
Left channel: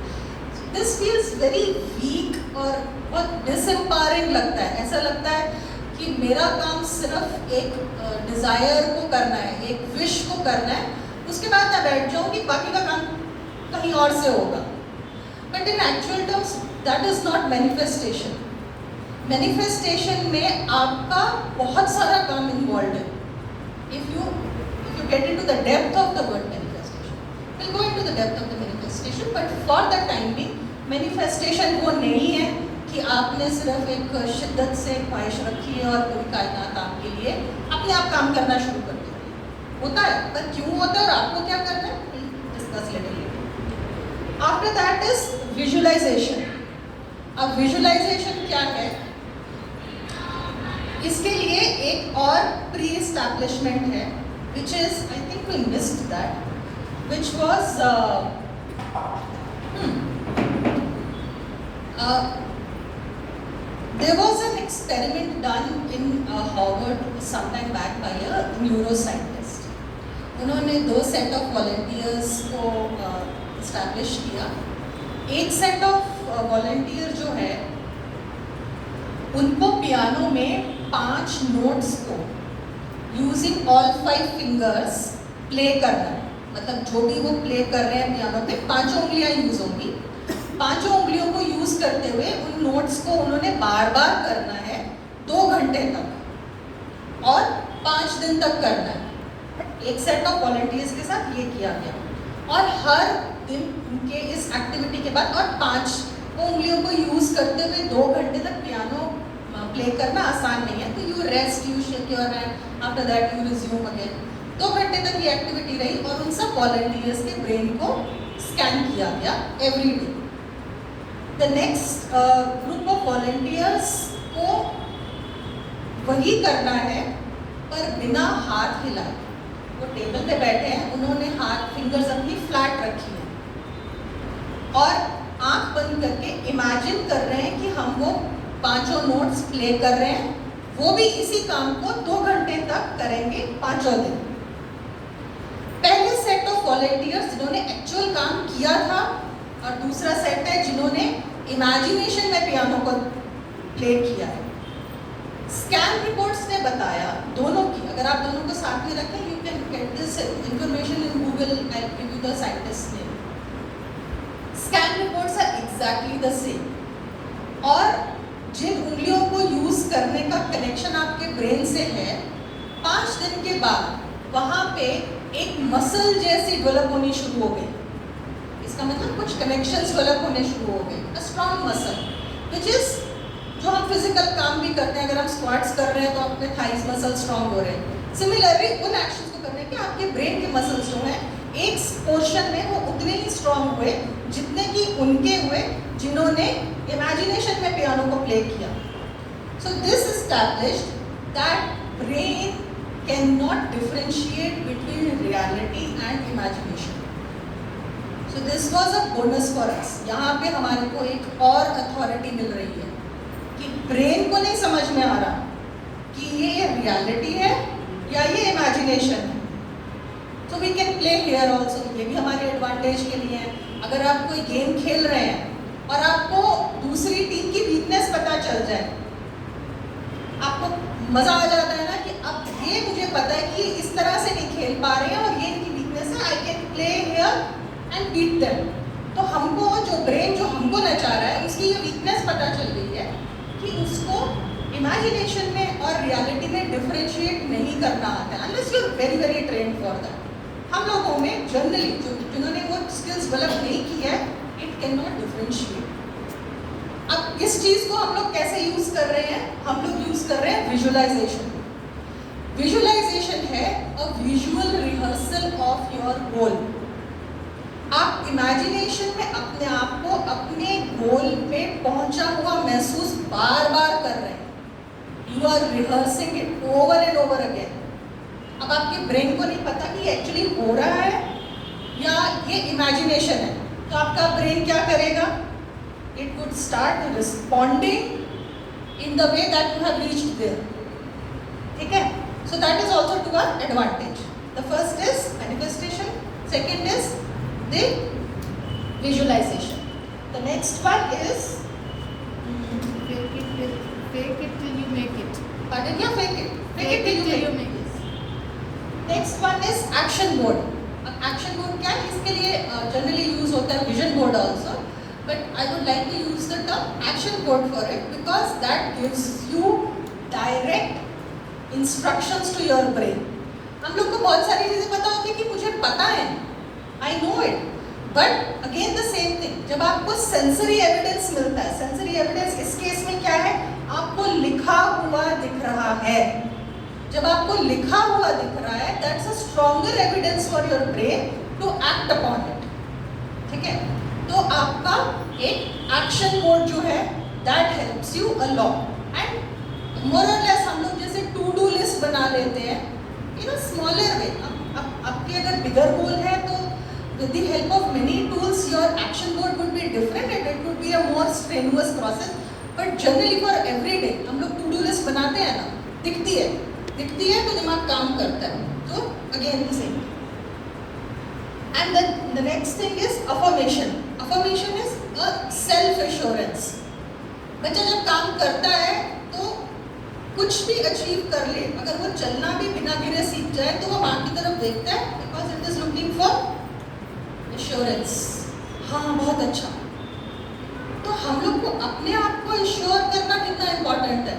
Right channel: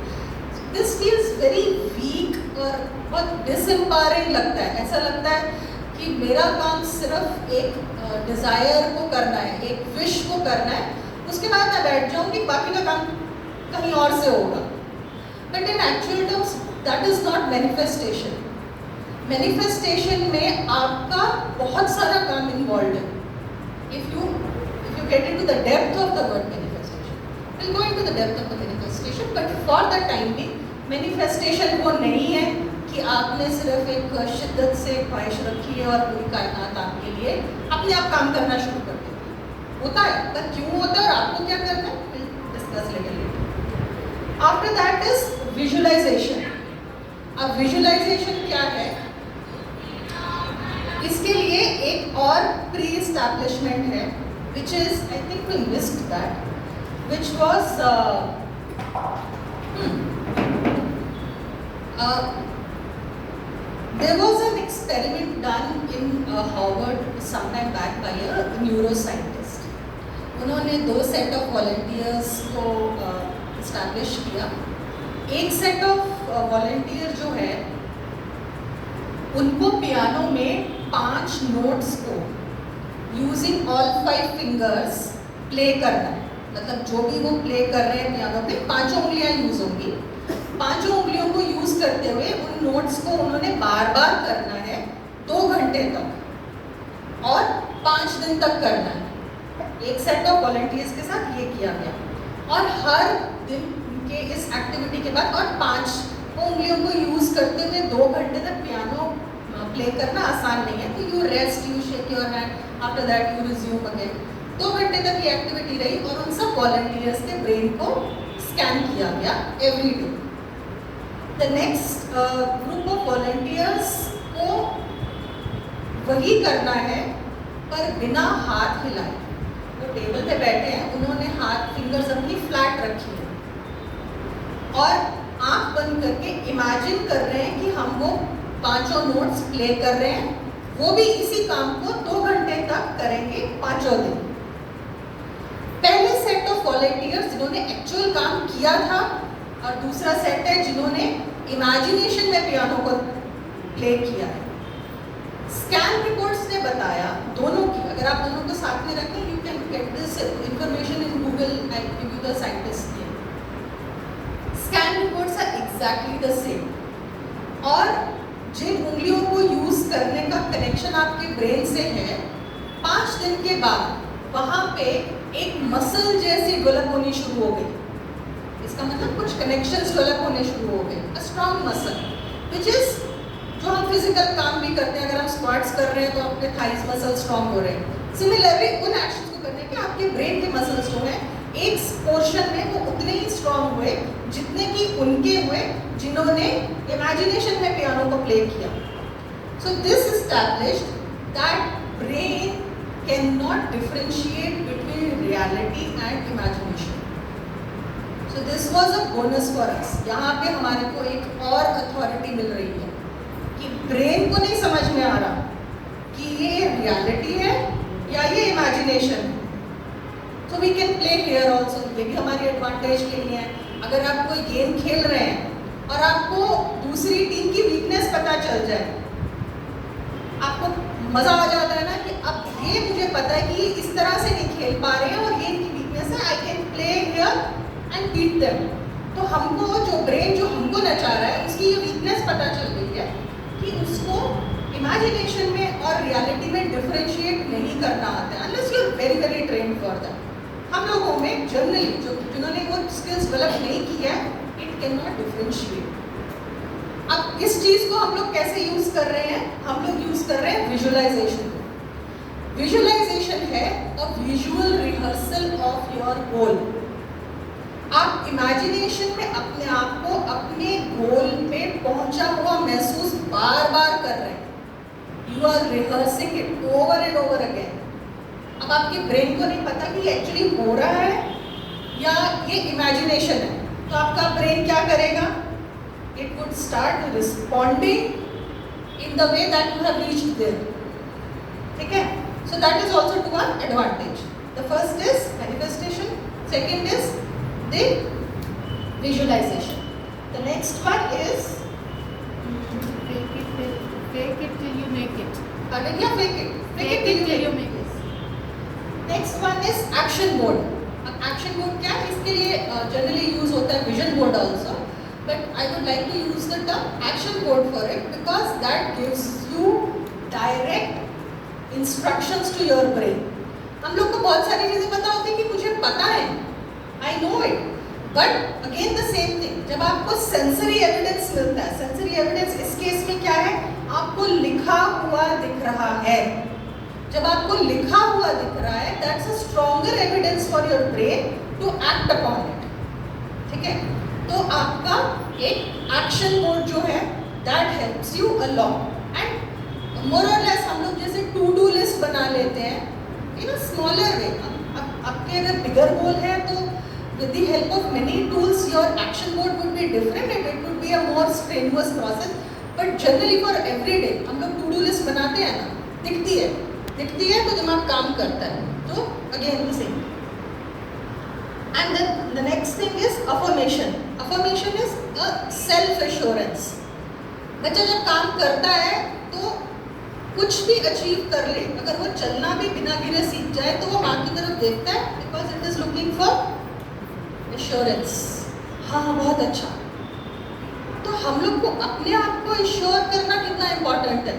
दिस फील्स वेरी वीक और बहुत डिसएम्पावरिंग लगता है. ऐसा लगता है कि मेरा काम सिर्फ एक डिज़ायर को करना है, एक विश को करना है, उसके बाद मैं बैठ जाऊँ कि बाकी का काम कहीं और से होगा. But in actual terms that is not manifestation. Manifestation में आपका बहुत सारा काम इन्वॉल्व है. If you get into the depth of the word manifestation, we'll go into the depth of the manifestation, but for the time being, manifestation वो नहीं है कि आपने सिर्फ एक शिद्दत से ख्वाहिश रखी है और पूरी कायनात आपके लिए अपने आप काम करना शुरू कर देती है. होता है, पर क्यों होता है और आपको क्या करना है, discuss little later. After that is visualization. अब विजुअलाइजेशन क्या है, इसके लिए एक और प्री एस्टैब्लिशमेंट है, which is, I think we missed that, which was There was an experiment done in Harvard sometime back by a neuroscientist. उन्होंने 2 set of volunteers को इस्टेब्लिश किया. एक सेट ऑफ वॉलंटियर जो है उनको पियानो में 5 notes को यूजिंग ऑल 5 फिंगर्स प्ले करना है. मतलब जो भी वो प्ले कर रहे हैं पियानो पे 5 उंगलियां यूज होंगी. 5 उंगलियों को यूज करते हुए उन नोट्स को उन्होंने बार बार करना है 2 घंटे तक और 5 दिन तक करना है. एक सेट ऑफ वॉलंटियर्स के साथ ये किया गया और हर दिन उनके इस एक्टिविटी के बाद और 5 उंगलियों को यूज करते हुए 2 घंटे तक पियानो प्ले करना आसान नहीं है. तो you rest, you shake your hand, after that you resume again. 2 घंटे तक ये एक्टिविटी रही और उन सब वॉलंटियर्स के ब्रेन को स्कैन किया गया every day. The next group of volunteers को वही करना है पर बिना हाथ हिलाए. वो टेबल पे बैठे हैं, उन्होंने हाथ फिंगर्स अपनी फ्लैट रखी है और आंख बंद करके इमेजिन कर रहे हैं कि हम वो 5 नोट्स प्ले कर रहे हैं. वो भी इसी काम को 2 घंटे तक करेंगे 5 दिन. पहले सेट ऑफ वॉलंटियर्स जिन्होंने एक्चुअल काम किया था और दूसरा सेट है जिन्होंने इमेजिनेशन में पियानो को प्ले किया है. स्कैन रिपोर्ट्स ने बताया दोनों की, अगर आप दोनों को साथ में रखें you can get this information in Google. I give you the scientist name. Scan reports are exactly the same. और जिन उंगलियों को यूज करने का कनेक्शन आपके ब्रेन से है 5 दिन के बाद वहां पे एक मसल जैसी डेवलप होनी शुरू हो गई. इसका मतलब कुछ कनेक्शंस डेवलप होने शुरू हो गए. A strong muscle which is जो हम फिजिकल काम भी करते हैं. अगर हम स्क्वाट्स कर रहे हैं तो अपने थाइस मसल स्ट्रॉन्ग हो रहे हैं. सिमिलरली उन एक्शंस को करने के आपके ब्रेन के मसल्स जो हैं एक पोर्शन में वो उतने ही स्ट्रॉन्ग हुए जितने कि उनके हुए जिन्होंने इमेजिनेशन में पियानो को प्ले किया. So this established that brain can not differentiate between reality and imagination. So this was a bonus for us. यहाँ पे हमारे को एक और अथॉरिटी मिल रही है कि ब्रेन को नहीं समझ में आ रहा कि ये रियलिटी है या ये इमेजिनेशन है. So we can play here also. ये भी हमारे एडवांटेज के लिए है. अगर आप कोई गेम खेल रहे हैं और आपको दूसरी टीम की वीकनेस पता चल जाए, आपको मजा आ जाता है ना कि अब ये मुझे पता है कि ये इस तरह से नहीं खेल पा रहे हैं और ये इनकी वीकनेस है. I can play here and beat them. तो हमको जो ब्रेन जो हमको नचा रहा है उसकी ये वीकनेस पता चल गई है कि उसको इमेजिनेशन में और रियलिटी में डिफरेंशिएट नहीं करना आता है unless you are very very trained for that. हम लोगों में जनरली जिन्होंने वो स्किल्स डेवलप नहीं की है इट कैन नॉट डिफरेंशिएट. अब इस चीज को हम लोग कैसे यूज कर रहे हैं? हम लोग यूज कर रहे हैं विजुअलाइजेशन. विजुअलाइजेशन है a visual rehearsal of your goal. आप इमेजिनेशन में अपने आप को अपने गोल पे पहुंचा हुआ महसूस बार बार कर रहे हैं. You are rehearsing it over and over again. अब आपके ब्रेन को नहीं पता कि एक्चुअली हो रहा है या ये इमेजिनेशन है. तो आपका ब्रेन क्या करेगा? It would start responding in the way that you have reached there. ठीक है? So that is also to our advantage. The first is manifestation, second is the visualization. The next one is fake it till you make it. pardon, yeah, fake it. Fake it till you make it. Next one is action mode. अब action mode क्या है? इसके लिए generally use होता है vision board also, but I would like to use the term action board for it because that gives you direct instructions to your brain. हम लोग को बहुत सारी चीजें पता होती है कि मुझे पता है, I know it, but again the same thing. जब आपको sensory evidence मिलता है, sensory evidence इस केस में क्या है? आपको लिखा हुआ दिख रहा है. जब आपको लिखा हुआ दिख रहा है, that's a stronger evidence for your brain to act upon it. ठीक है? तो आपका एक action mode जो है, that helps you a lot. And more or less हम लोग जैसे to do list बना लेते हैं in a smaller way. आपके अगर bigger goal है तो with the help of many tools, your action board would be different and it would be a more strenuous process. But generally for every day, हम लोग to do list बनाते हैं ना, दिखती है तो दिमाग काम करता है. So again the same. And then the next thing is affirmation. Affirmation is a self assurance. बच्चा जब काम करता है तो कुछ भी अचीव कर ले, अगर वो चलना भी बिना गिरे सीख जाए तो वो माँ की तरफ देखता है, because it is looking for assurance. हाँ बहुत अच्छा. तो हम लोग को अपने आप को एश्योर करना कितना इम्पोर्टेंट है.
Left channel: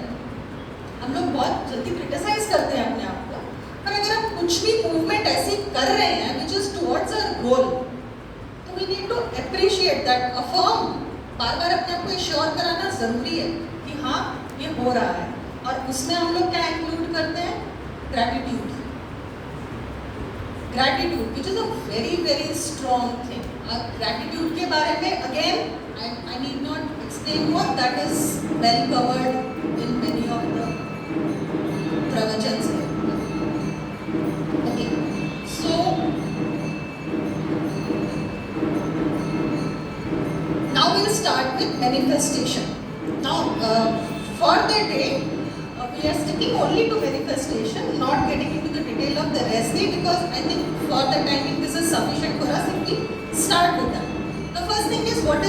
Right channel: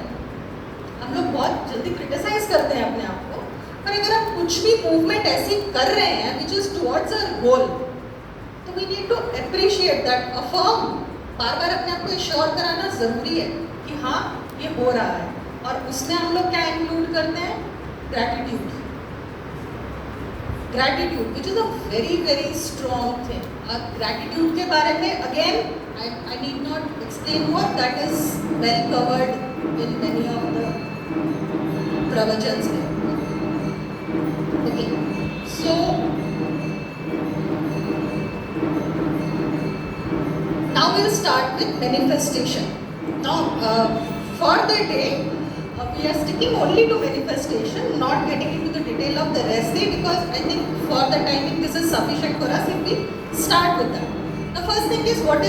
हम लोग बहुत जल्दी क्रिटिसाइज करते हैं अपने आप को, पर अगर हम कुछ भी मूवमेंट ऐसी कर रहे हैं which is towards our goal, तो we need to appreciate that. Affirm, बार बार अपने आप को एश्योर कराना जरूरी है कि हाँ ये हो रहा है. और उसमें हम लोग क्या इंक्लूड करते हैं? Gratitude. Gratitude which is a very very strong thing. Gratitude के बारे में again I need not explain more. That is well covered in many of the pravachans. Okay, so now we'll start with manifestation. Now, for the day, we are sticking only to manifestation, not getting into the detail of the rest day, because I think for the timing this is sufficient for us if we start with that. The first thing is what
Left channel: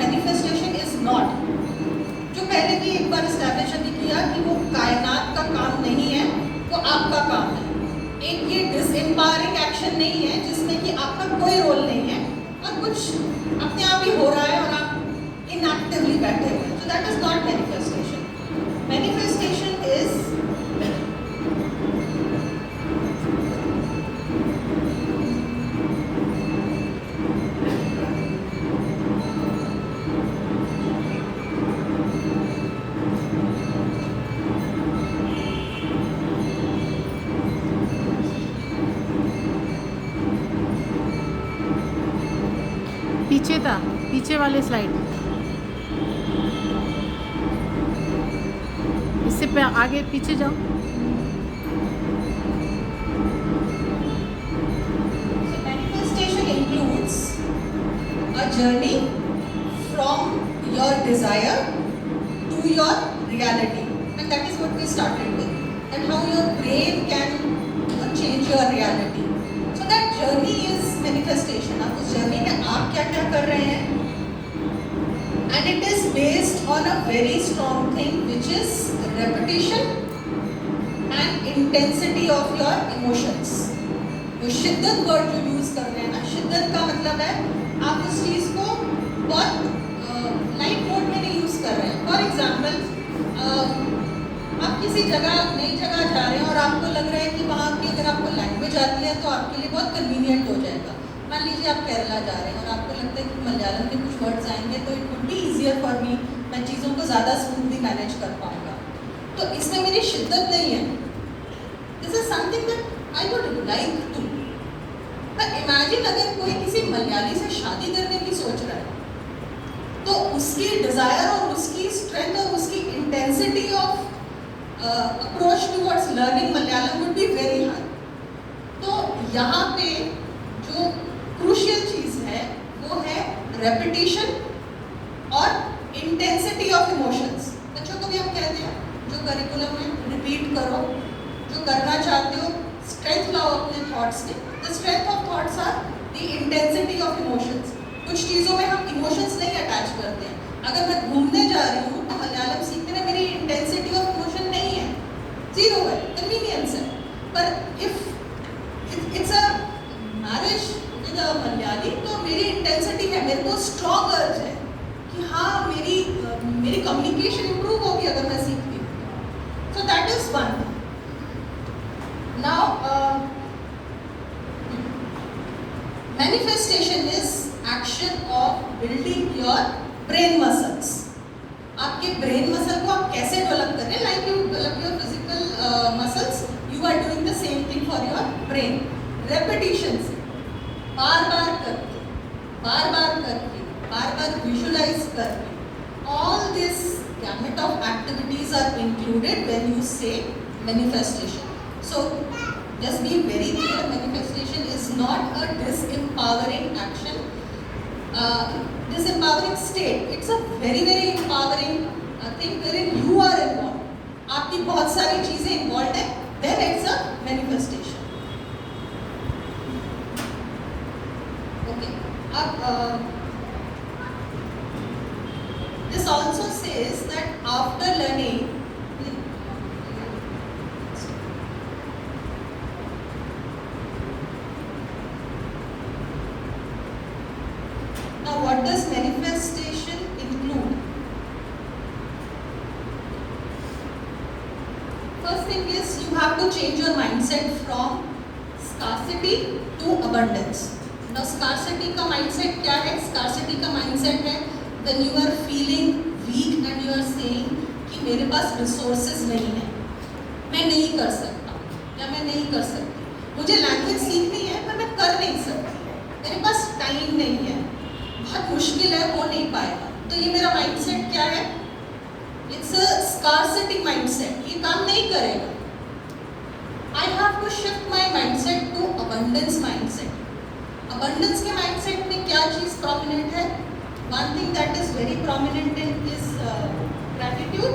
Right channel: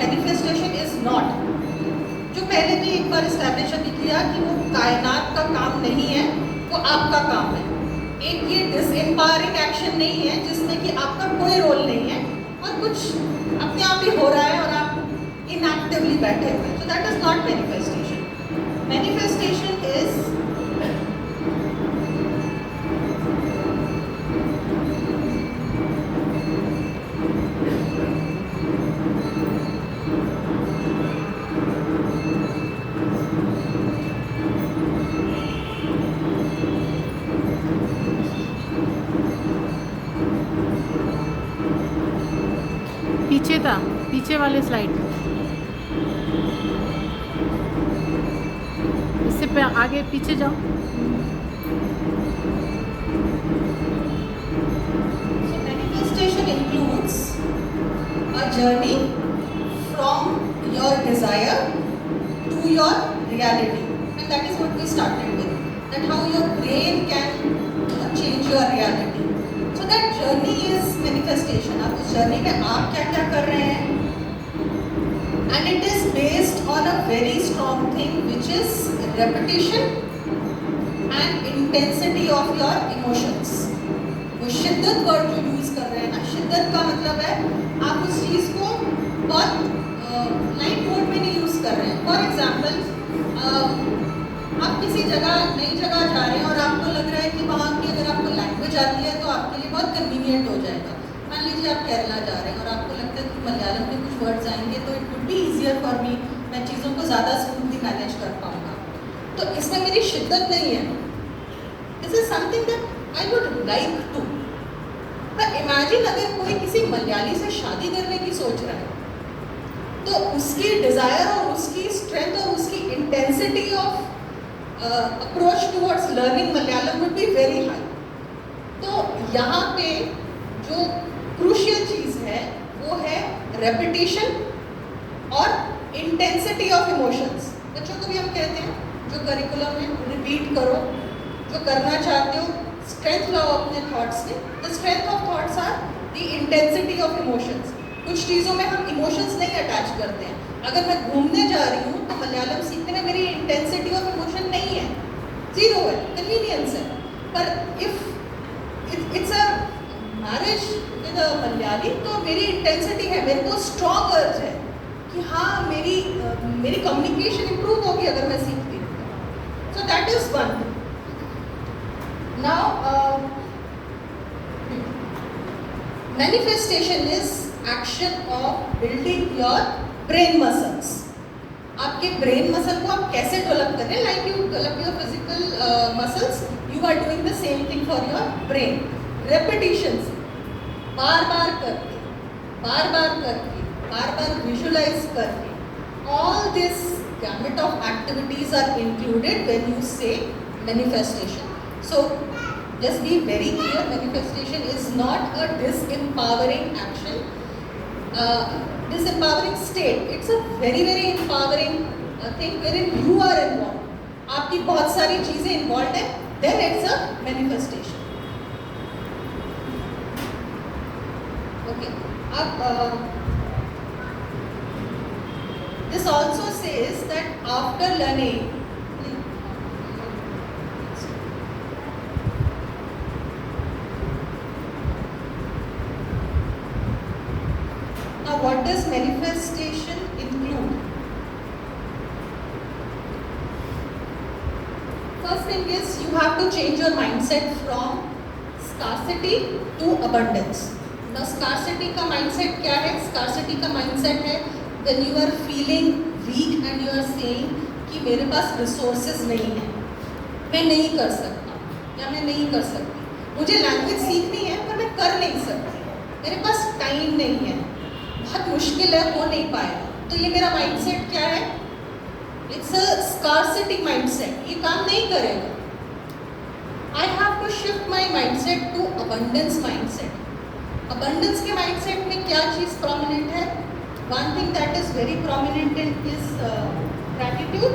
manifestation is not. जो पहले भी एक बार establish किया कि वो कायनात का काम नहीं है, वो आपका काम है. एक ये डिसएम्पावरिंग एक्शन नहीं है जिसमें कि आपका कोई रोल नहीं है और कुछ अपने आप ही हो रहा है और आप इनएक्टिवली बैठे हुए हैं. सो that is not manifestation. Manifestation is पीछे था, पीछे वाले स्लाइड में. इससे आगे पीछे जाओ. So manifestation includes a journey from your desire to your reality, and that is what we started with. That how your brain can change your reality. So that journey is manifestation. अब उस journey में आप क्या क्या कर रहे हैं? And it is based on a very strong thing, which is repetition and intensity of your emotions. वो शिद्दत वर्ड जो यूज कर रहे हैं ना, शिद्दत का मतलब है आप उस चीज को बहुत लाइट मोड में नहीं यूज कर रहे हैं. फॉर एग्जाम्पल, आप किसी जगह नई जगह जा रहे हैं और आपको लग रहा है कि वहाँ की अगर आपको लैंग्वेज आती है तो आपके लिए बहुत कन्वीनियंट हो जाएगा. मान लीजिए आप केरला जा रहे हैं और आपको लगता है कि मलयालम के कुछ वर्ड्स आएंगे तो it would be easier for me, मैं चीज़ों को ज़्यादा स्मूथली मैनेज कर पाऊँगा. तो इसमें मेरी शिद्दत नहीं है. This is something that I would like to. पर इमेजिन अगर कोई किसी मलयाली से शादी करने की सोच रहा है, तो उसकी डिज़ायर और उसकी स्ट्रेंथ और उसकी intensity of approach towards learning Malayalam would be very high. तो यहाँ पे जो क्रूशियल चीज़ है वो है रेपिटेशन और इंटेंसिटी ऑफ इमोशंस. बच्चों को भी हम कहते हैं जो करिकुलम में रिपीट करो, जो करना चाहते हो स्ट्रेंथ लाओ अपने थॉट्स में. The strength of thoughts are the intensity of emotions. कुछ चीज़ों में हम इमोशंस नहीं अटैच करते हैं. अगर मैं घूमने जा रही हूँ तो मलयालम सीखने में मेरी इंटेंसिटी ऑफ इमोशन नहीं है, जीरो है, कन्वीनियंस है. पर if it's a marriage with a Malayali तो मेरी इंटेंसिटी है, मेरे को स्ट्रॉन्ग अर्ज है कि हाँ मेरी कम्युनिकेशन इंप्रूव होगी अगर मैं सीखती हूँ. So that is one. Now manifestation is action of building your brain muscles. आपके ब्रेन मसल को आप कैसे डेवलप कर रहे हैं? Like you develop your physical muscles, you are doing the same thing for your brain. Repetition से, बार बार करके, बार बार विजुलाइज करके, all this gamut of activities are included when you say manifestation. So Just be very clear, manifestation is not a disempowering action, disempowering state. It's a very very empowering thing wherein you are involved. आपकी बहुत सारी चीजें involved है, then it's a manifestation. Okay. अब this also says that after learning. Now, what does manifestation include? First thing is you have to change your mindset from scarcity to abundance. Now, scarcity का mindset क्या है? Scarcity का mindset है when you are feeling weak and you are saying कि मेरे पास resources नहीं है, मैं नहीं कर सकता या मैं नहीं कर सकती, मुझे लैंग्वेज सीखनी है पर मैं कर नहीं सकती, मेरे पास टाइम नहीं है, बहुत मुश्किल है, हो नहीं पाएगा. तो ये मेरा माइंडसेट क्या है? इट्स अ स्कार्सिटी माइंडसेट, ये काम नहीं करेगा. I have to shift my mindset to abundance mindset. Abundance के माइंडसेट में क्या चीज़ प्रोमिनेंट है? One thing that is very prominent in is gratitude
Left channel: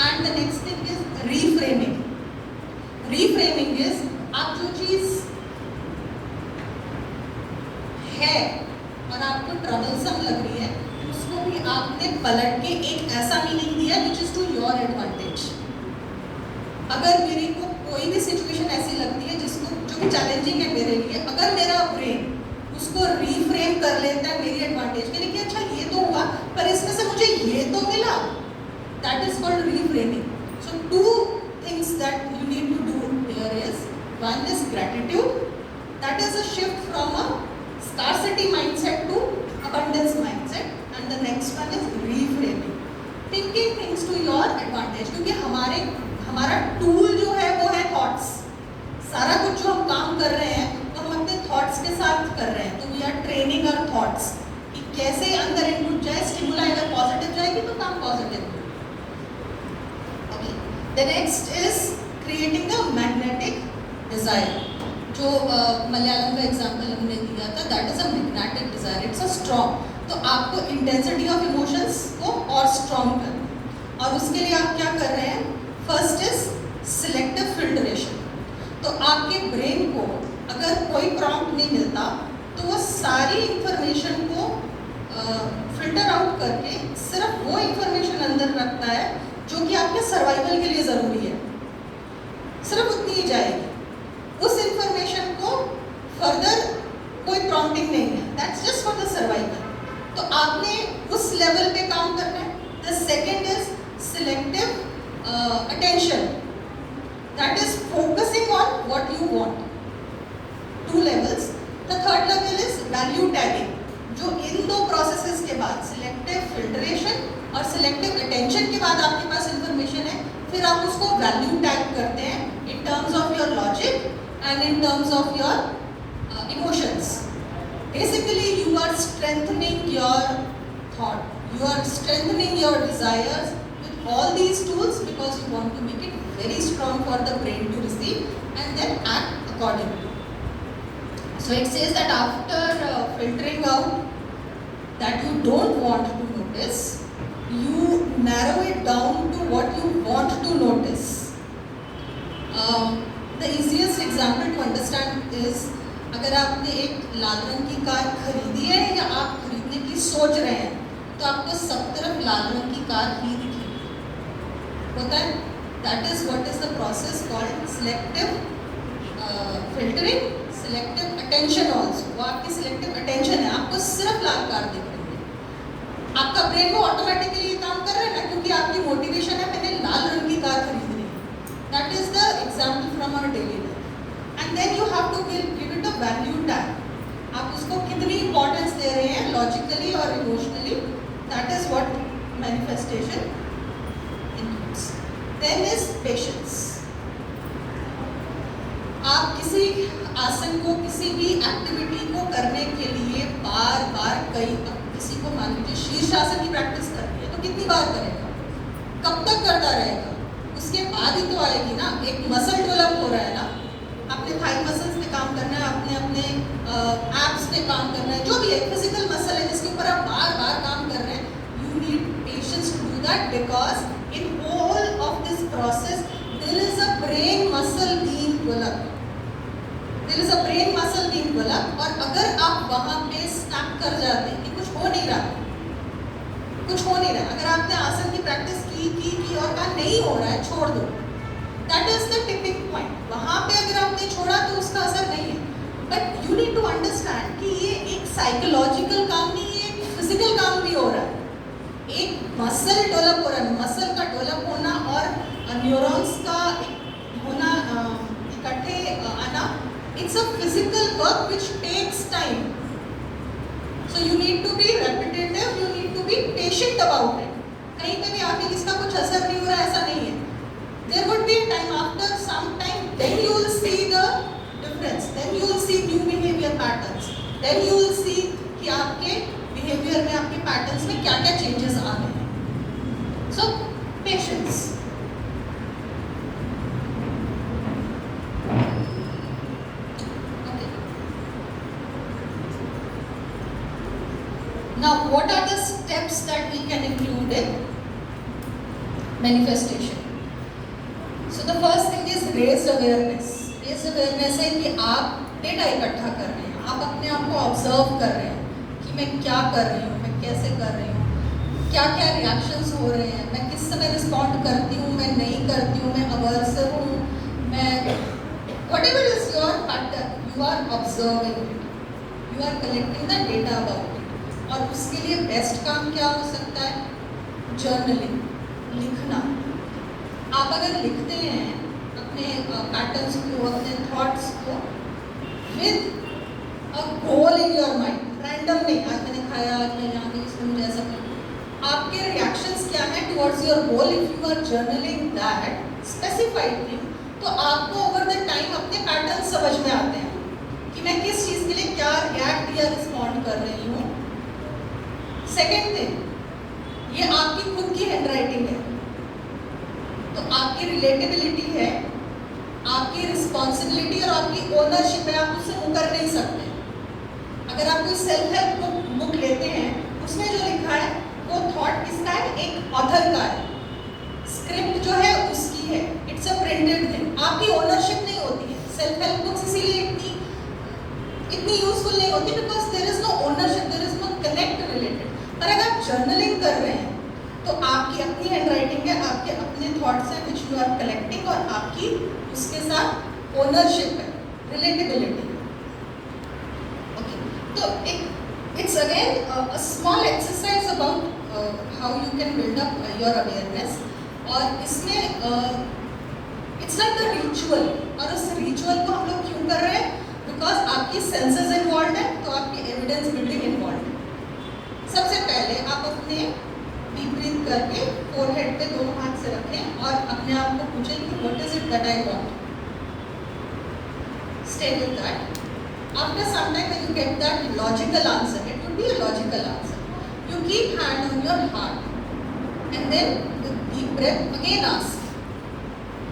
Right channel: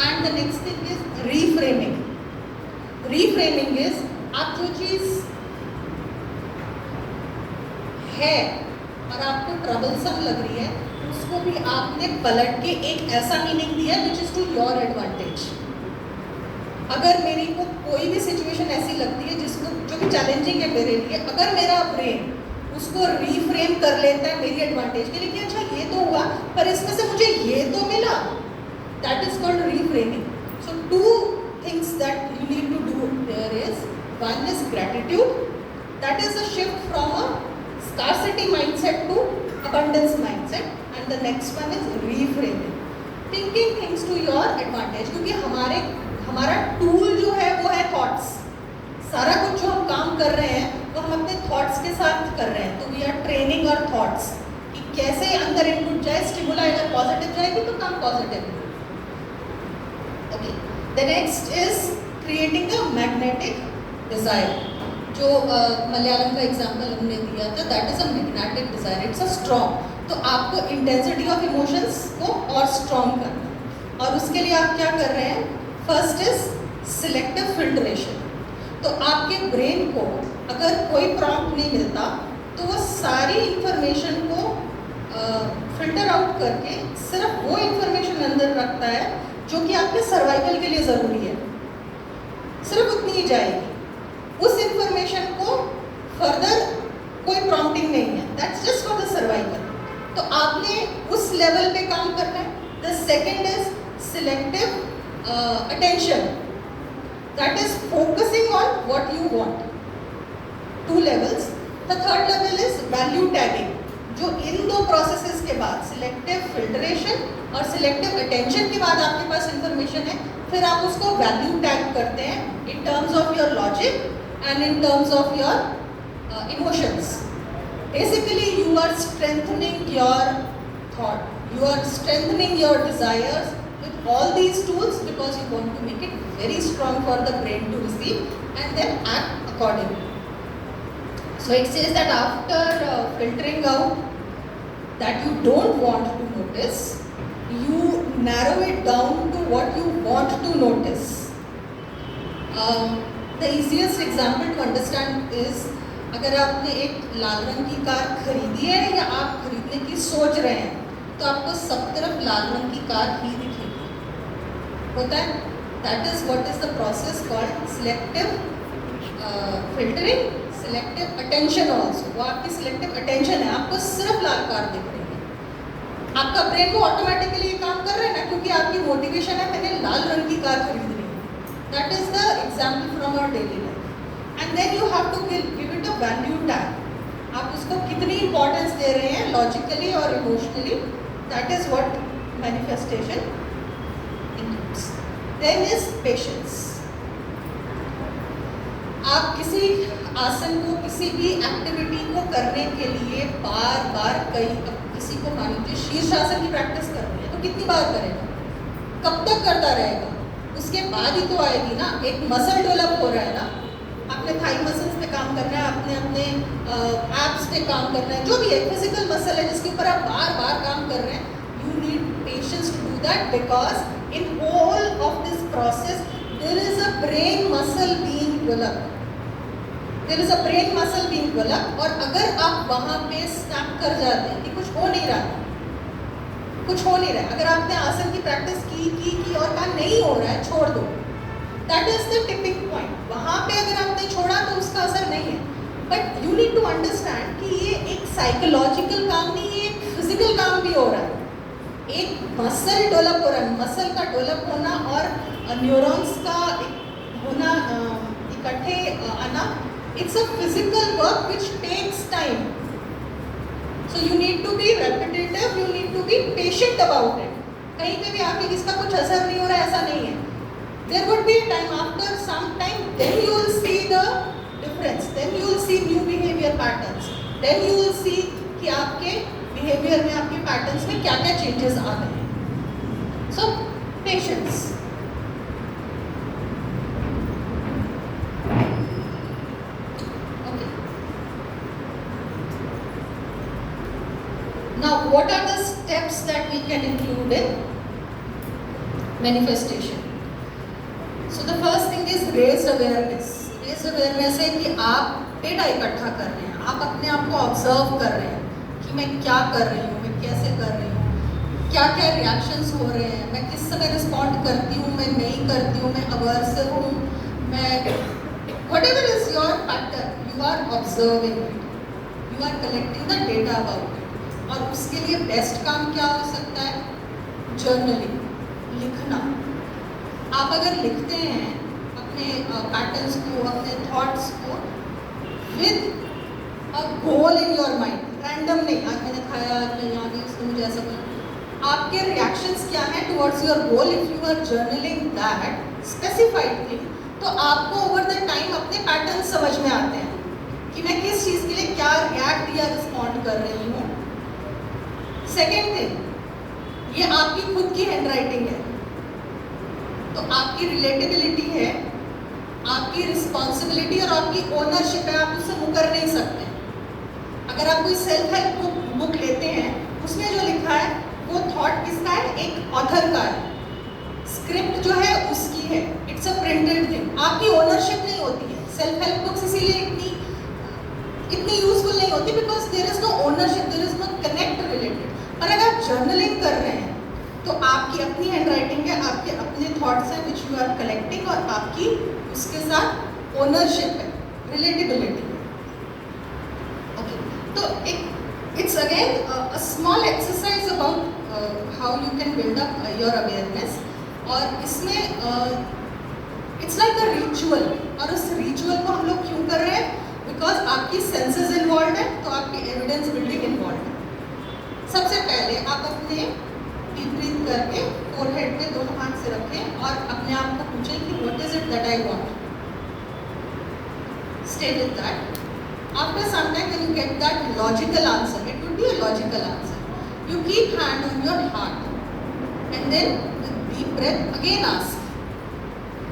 and the next thing is reframing. Reframing is आप जो चीज़ है और आपको ट्रबलसम लग रही है उसको भी आपने पलट के एक ऐसा मीनिंग दिया which is to your advantage. अगर मेरी को कोई भी सिचुएशन ऐसी लगती है जिसको जो कि चैलेंजिंग है मेरे लिए, अगर मेरा ब्रेन उसको रीफ्रेम कर लेता है मेरी एडवांटेज के लिए कि अच्छा ये तो हुआ पर इसमें से मुझे ये तो मिला, that is called reframing. So two things that you need to do here is one is gratitude, that is a shift from a scarcity mindset to abundance mindset, and the next one is reframing, thinking things to your advantage. क्योंकि हमारा tool जो है वो है thoughts. सारा कुछ जो हम काम कर रहे हैं वो हम अपने थॉट्स के साथ कर रहे हैं. तो we are training our thoughts कि कैसे अंदर इनपुट जाए, स्टिमुलाई अगर पॉजिटिव जाएगी तो काम positive. Okay, the next is creating a magnetic desire. जो मलयालम का एग्जाम्पल हमने दिया था, that is a magnetic desire, it's a strong. तो आपको इंटेंसिटी ऑफ इमोशंस को और स्ट्रॉन्ग करना है और उसके लिए आप क्या कर रहे हैं? First is selective filtration. तो आपके ब्रेन को अगर कोई प्रॉम्प्ट नहीं मिलता तो वो सारी इंफॉर्मेशन को फिल्टर आउट करके सिर्फ वो इंफॉर्मेशन अंदर रखता है जो कि आपके सर्वाइवल के लिए ज़रूरी है, सिर्फ उतनी ही जाएगी. उस इंफॉर्मेशन को फर्दर कोई प्रॉम्प्टिंग नहीं है, that's just for the survival. तो आपने उस लेवल पे काम करना है. The second is selective attention, that is focusing on what you want. Two levels. The third level is value tagging, जो इन दो प्रोसेसेस के बाद सिलेक्टिव फिल्ट्रेशन और सिलेक्टिव अटेंशन के बाद आपके पास इंफॉर्मेशन है, फिर आप उसको वैल्यू टैग करते हैं in terms of your logic and in terms of your emotions. Basically you are strengthening your thought, you are strengthening your desires with all these tools because you want to make it very strong for the brain to receive and then act accordingly. So it says that after filtering out that you don't want to notice, you narrow it down to what you want to notice. The easiest example to understand is अगर आपने एक लाल रंग की car खरीदी है या आप खरीदने की सोच रहे हैं तो आपको सब तरफ लाल रंग की कार ही दिखेगी, होता है. That is what is the process called selective filtering, selective attention also. वो आपकी सिलेक्टिव अटेंशन है, आपको सिर्फ लाल कार दिख रही है. आपका ब्रेन वो ऑटोमेटिकली ये काम कर रहा है ना, क्योंकि आपकी मोटिवेशन है मैंने लाल रंग की कार खरीदनी. That is the example from our daily life. And then you have to give it a value tag. आप उसको कितनी importance दे रहे हैं logically और emotionally. That is what manifestation includes. Then is patience. आप किसी आसन को, किसी भी एक्टिविटी को करने के लिए बार बार किसी को मान लीजिए शीर्षासन की प्रैक्टिस करनी है तो कितनी बार करेगा, कब तक करता रहेगा, उसके बाद ही तो आएगी ना. एक मसल डेवलप हो रहा है ना, अपने थाई मसल्स पे काम करना है, अपने अपने एब्स पे काम करना है, जो भी है फिजिकल मसल है जिसके ऊपर आप बार बार काम कर रहे हैं, you need patience to do that because in whole of this process there is a brain muscle being developed, there is a brain muscle being developed. और अगर आप वहाँ पे स्टक कर जाते हैं कि कुछ हो नहीं रहा, कुछ हो नहीं रहा, अगर आपने आसन की प्रैक्टिस की और कहा नहीं हो रहा है, छोड़ दो, that is the tipping point. वहाँ पे अगर आपने छोड़ा तो उसका असर नहीं है। But you need to understand कि ये एक साइकोलॉजिकल काम नहीं है, एक फिजिकल काम भी हो रहा है। एक मसल डेवलप हो रहा है, मसल का डेवलप होना और न्यूरॉन्स का होना इकट्ठे आना, it's a physical work which takes time. So you need to be repetitive, you need to be patient about it. कहीं पे भी आके इसका कुछ असर नहीं हो रहा है, ऐसा नहीं है। There would be a time, after some time, then you will see the difference, then you will see new behavior patterns, then you will see कि आपके behavior में, आपके patterns में क्या क्या changes आ रहे हैं। So patience. Okay. Now, what are the steps that we can include in manifestation? So the first thing is raised awareness. Raised awareness है कि आप डेटा इकट्ठा कर रहे हैं, आप अपने आप को ऑब्जर्व कर रहे हैं कि मैं क्या कर रही हूँ, मैं कैसे कर रही हूँ, क्या क्या रिएक्शंस हो रहे हैं, मैं किस समय रिस्पॉन्ड करती हूँ, मैं नहीं करती हूँ, मैं अवर्सिव हूँ, मैं whatever is your pattern, you are observing it, you are collecting the data about it। और उसके लिए बेस्ट काम क्या हो सकता है? जर्नलिंग, लिखना। आप अगर लिखते हैं अपने पैटर्न्स को, अपने थॉट्स को with a goal in your mind, random नहीं, आज मैंने खाया, आज मैं यहाँ गई, इसको मुझे ऐसा करना, आपके रिएक्शंस क्या हैं towards your goal. If you are journaling that specified thing, तो आपको ओवर द टाइम अपने पैटर्न समझ में आते हैं कि मैं किस चीज़ के लिए क्या रिएक्ट या रिस्पॉन्ड कर रही हूँ। सेकेंड थिंग, ये आपकी खुद की हैंड राइटिंग है, तो आपकी रिलेटेबिलिटी है, आपकी रिस्पॉन्सिबिलिटी और आपकी ओनरशिप है, आप उससे मुकर नहीं सकते। अगर आप कोई सेल्फ हेल्प बुक लेते हैं, उसमें जो लिखा है वो थॉट किसका है? एक ऑथर का है, स्क्रिप्ट जो है उसकी है, इट्स अ प्रिंटेड थिंग, आपकी ओनरशिप नहीं होती है। सेल्फ हेल्प बुक्स इसीलिए इतनी यूजफुल नहीं होती because there is no ownership, there is no connect related. पर अगर आप जर्नलिंग कर रहे हैं तो आपकी अपनी हैंड राइटिंग है, आपके अपने थॉट्स हैं विच यू आर कलेक्टिंग, और आपकी उसके साथ ओनरशिप है, रिलेटेबिलिटी है। ओके, तो it's again a small exercise about how you can build up your awareness. और इसमें इट्स लाइक अ रिचुअल, और उस रिचुअल को हम लोग क्यों कर रहे हैं? बिकॉज आपकी सेंसेस इन्वॉल्व है, तो आपकी एविडेंस बिल्डिंग इन्वॉल्व है। सबसे पहले आप अपने डीप ब्रीथ करके फोरहेड पे दोनों हाथ से रखें और अपने आप को पूछें कि what is it that I want. Stay with that. After some time when you get that logical answer, it would be a logical answer, you keep hand on your heart and then with deep breath again ask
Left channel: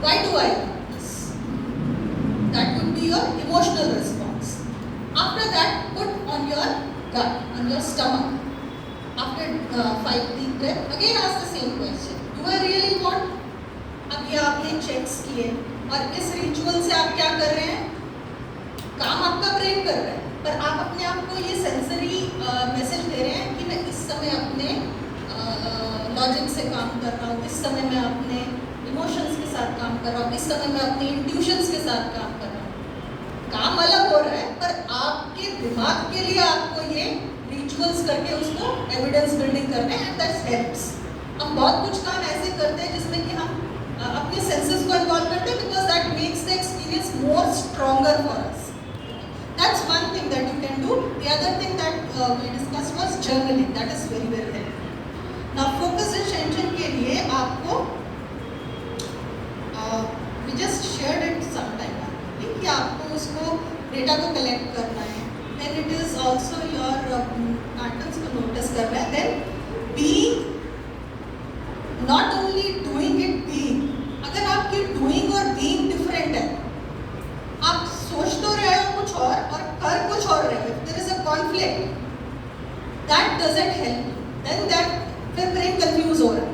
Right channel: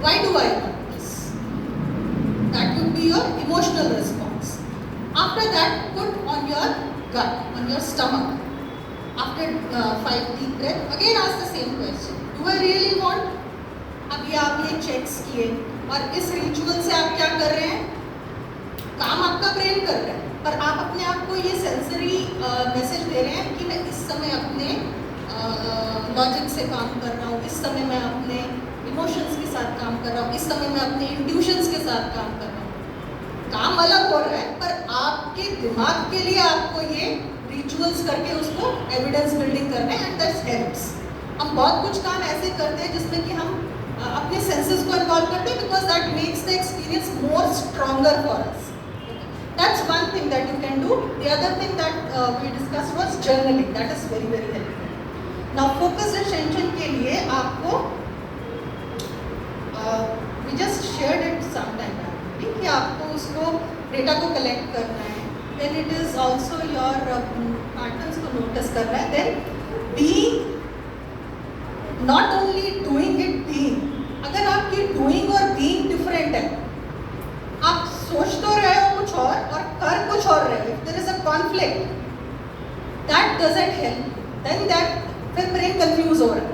why do I want this. That would be your emotional response. After that put on your gut, on your stomach. After 5 deep breath, again ask the same question. Do I really want? अब ये आप ये checks किए, और इस ritual से आप क्या कर रहे हैं? काम आपका ब्रेन कर रहा है, पर आप अपने आप को ये सेंसरी मैसेज दे रहे हैं कि मैं इस समय अपने लॉजिक से काम कर रहा हूँ, इस समय मैं अपने इमोशंस के साथ काम कर रहा हूँ, इस समय मैं अपनी इंट्यूशंस के साथ काम कर रहा हूँ। काम अलग हो रहा है, पर आपके दिमाग के लिए आपको ये रिचुअल्स करके उसको एविडेंस बिल्डिंग करना है, एंड दैट्स हेल्प्स। हम बहुत कुछ काम ऐसे करते हैं जिसमें कि हम अपने सेंसेस को इन्वॉल्व करते हैं because that makes the experience more stronger for us. That's one thing that you can do. The other thing that we discuss was journaling, that is very very helpful. Now focus attention के लिए आपको we just shared it some time कि आपको उसको data को collect करना है, then it is also your patterns को नोटिस करना है, then being, not only doing it, being. अगर आपकी डूइंग और बीइंग डिफरेंट है, आप कर कुछ और रहे हो, there is a conflict, that doesn't help, then that फिर ब्रेन कंफ्यूज हो रहा है।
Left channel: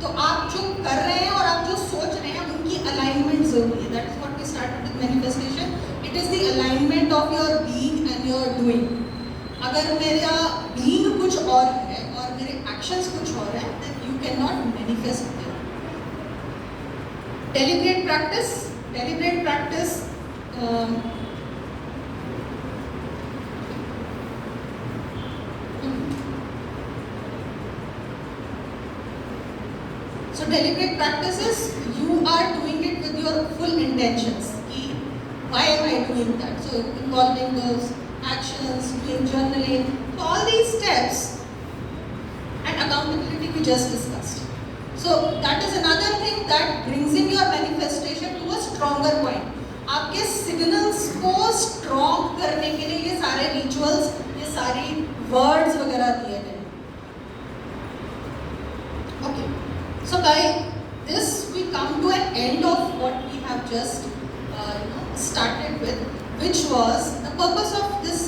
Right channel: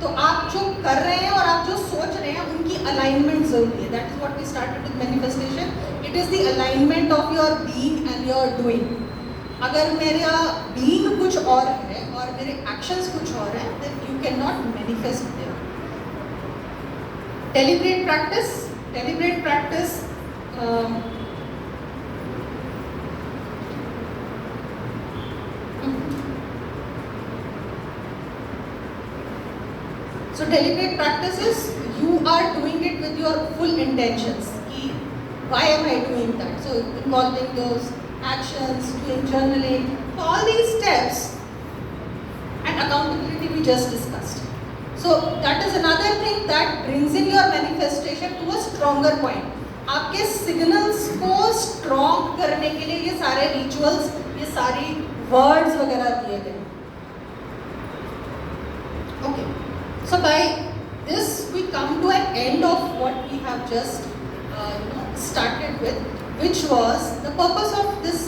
तो आप जो कर रहे हैं और आप जो सोच रहे हैं उनकी अलाइनमेंट जरूरी है। That is what we started with manifestation, it is the alignment of your being and your doing. अगर मेरा बीइंग कुछ और है और मेरे एक्शंस कुछ और हैं, then you can not manifest there. Deliberate practice, deliberate practice So deliberate practices, you are doing it with your full intentions. Why am I doing that? So involving those actions, doing journaling, all these steps, and accountability we just discussed. So that is another thing that brings in your manifestation to a stronger point. आपके signals को strong करने के लिए ये सारे rituals, ये सारी words वगैरह दिए गए। Okay. So by this we come to an end of what we have just started with, which was the purpose of this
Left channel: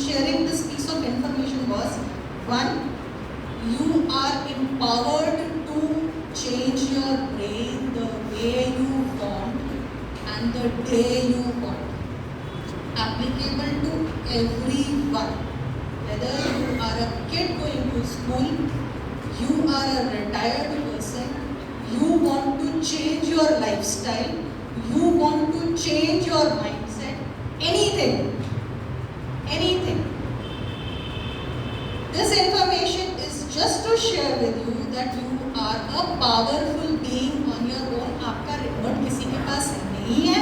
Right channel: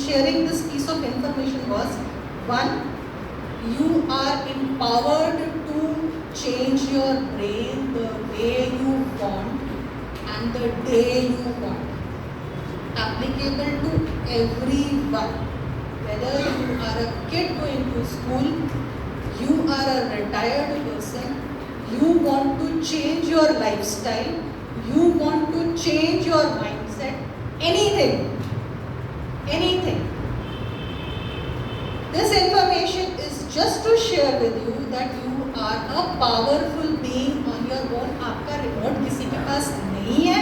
sharing this piece of information was, one, you are empowered to change your brain the way you want and the day you want, applicable to everyone, whether you are a kid going to school, you are a retired person, you want to change your lifestyle, you want to change your mindset, anything, anything. This information is just to share with you that you are a powerful being on your own. आपका remote किसी के पास नहीं है।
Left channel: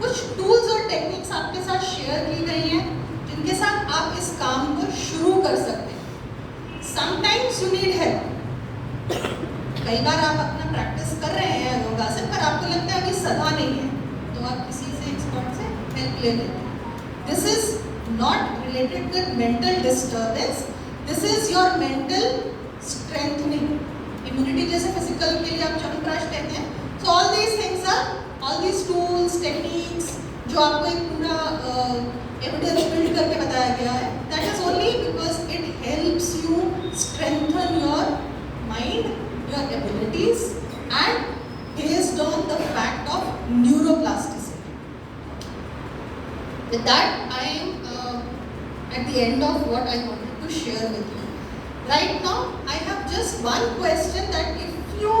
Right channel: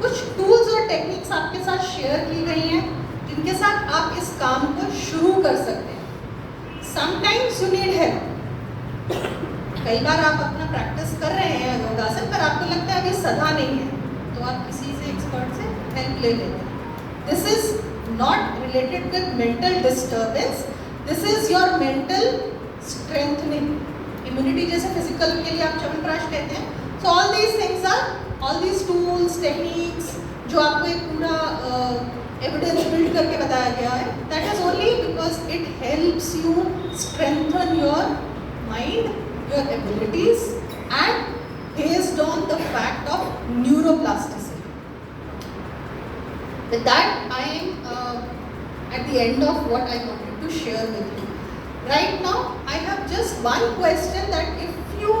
कुछ tools और techniques आपके साथ share की गई हैं जिनके साथ आप इस काम को शुरू कर सकते हैं। Sometimes you need help. कई बार आप अपना प्रैक्टिस कर रहे हैं योगासन, पर आपको लगता है अभी सदा नहीं है, तो आप किसी से एक्सपर्ट से हेल्प ले लें। This is not related with mental disturbance, this is your mental strengthening. Immunity जैसे फिजिकल के लिए आप च्यवनप्राश कहते हैं। So all these things are, all these tools, techniques जो आपको एक पूरा एविडेंस बिल्ड करके बताया गया है, that is only because it helps you strengthen your mind, your abilities, and based on the fact of neuroplasticity. With that, I am at the end of what I wanted to share with you. Right now, I have just one question that if you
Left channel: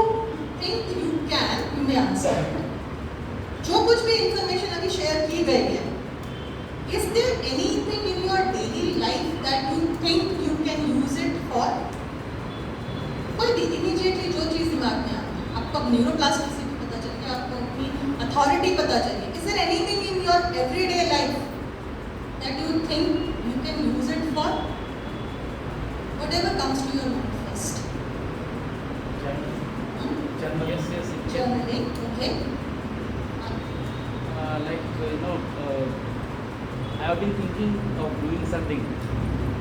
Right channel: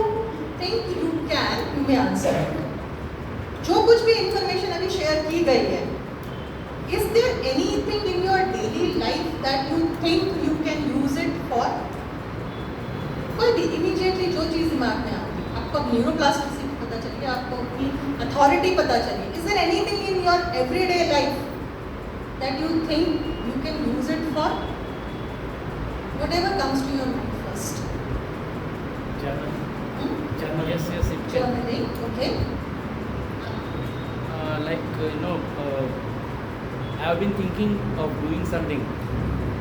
think you can, you may answer it. जो कुछ भी information अभी share की गई है, is there anything in your daily life that you think you can use it for? कोई immediately जो चीज़ दिमाग में आती है, आपको न्यूरोप्लास्टिसिटी पता चल गया, आपको अपनी अथॉरिटी पता चली, is there anything in your everyday life that you think you can use it for? Whatever comes to your mind first. Journaling, okay. I have been thinking of doing something.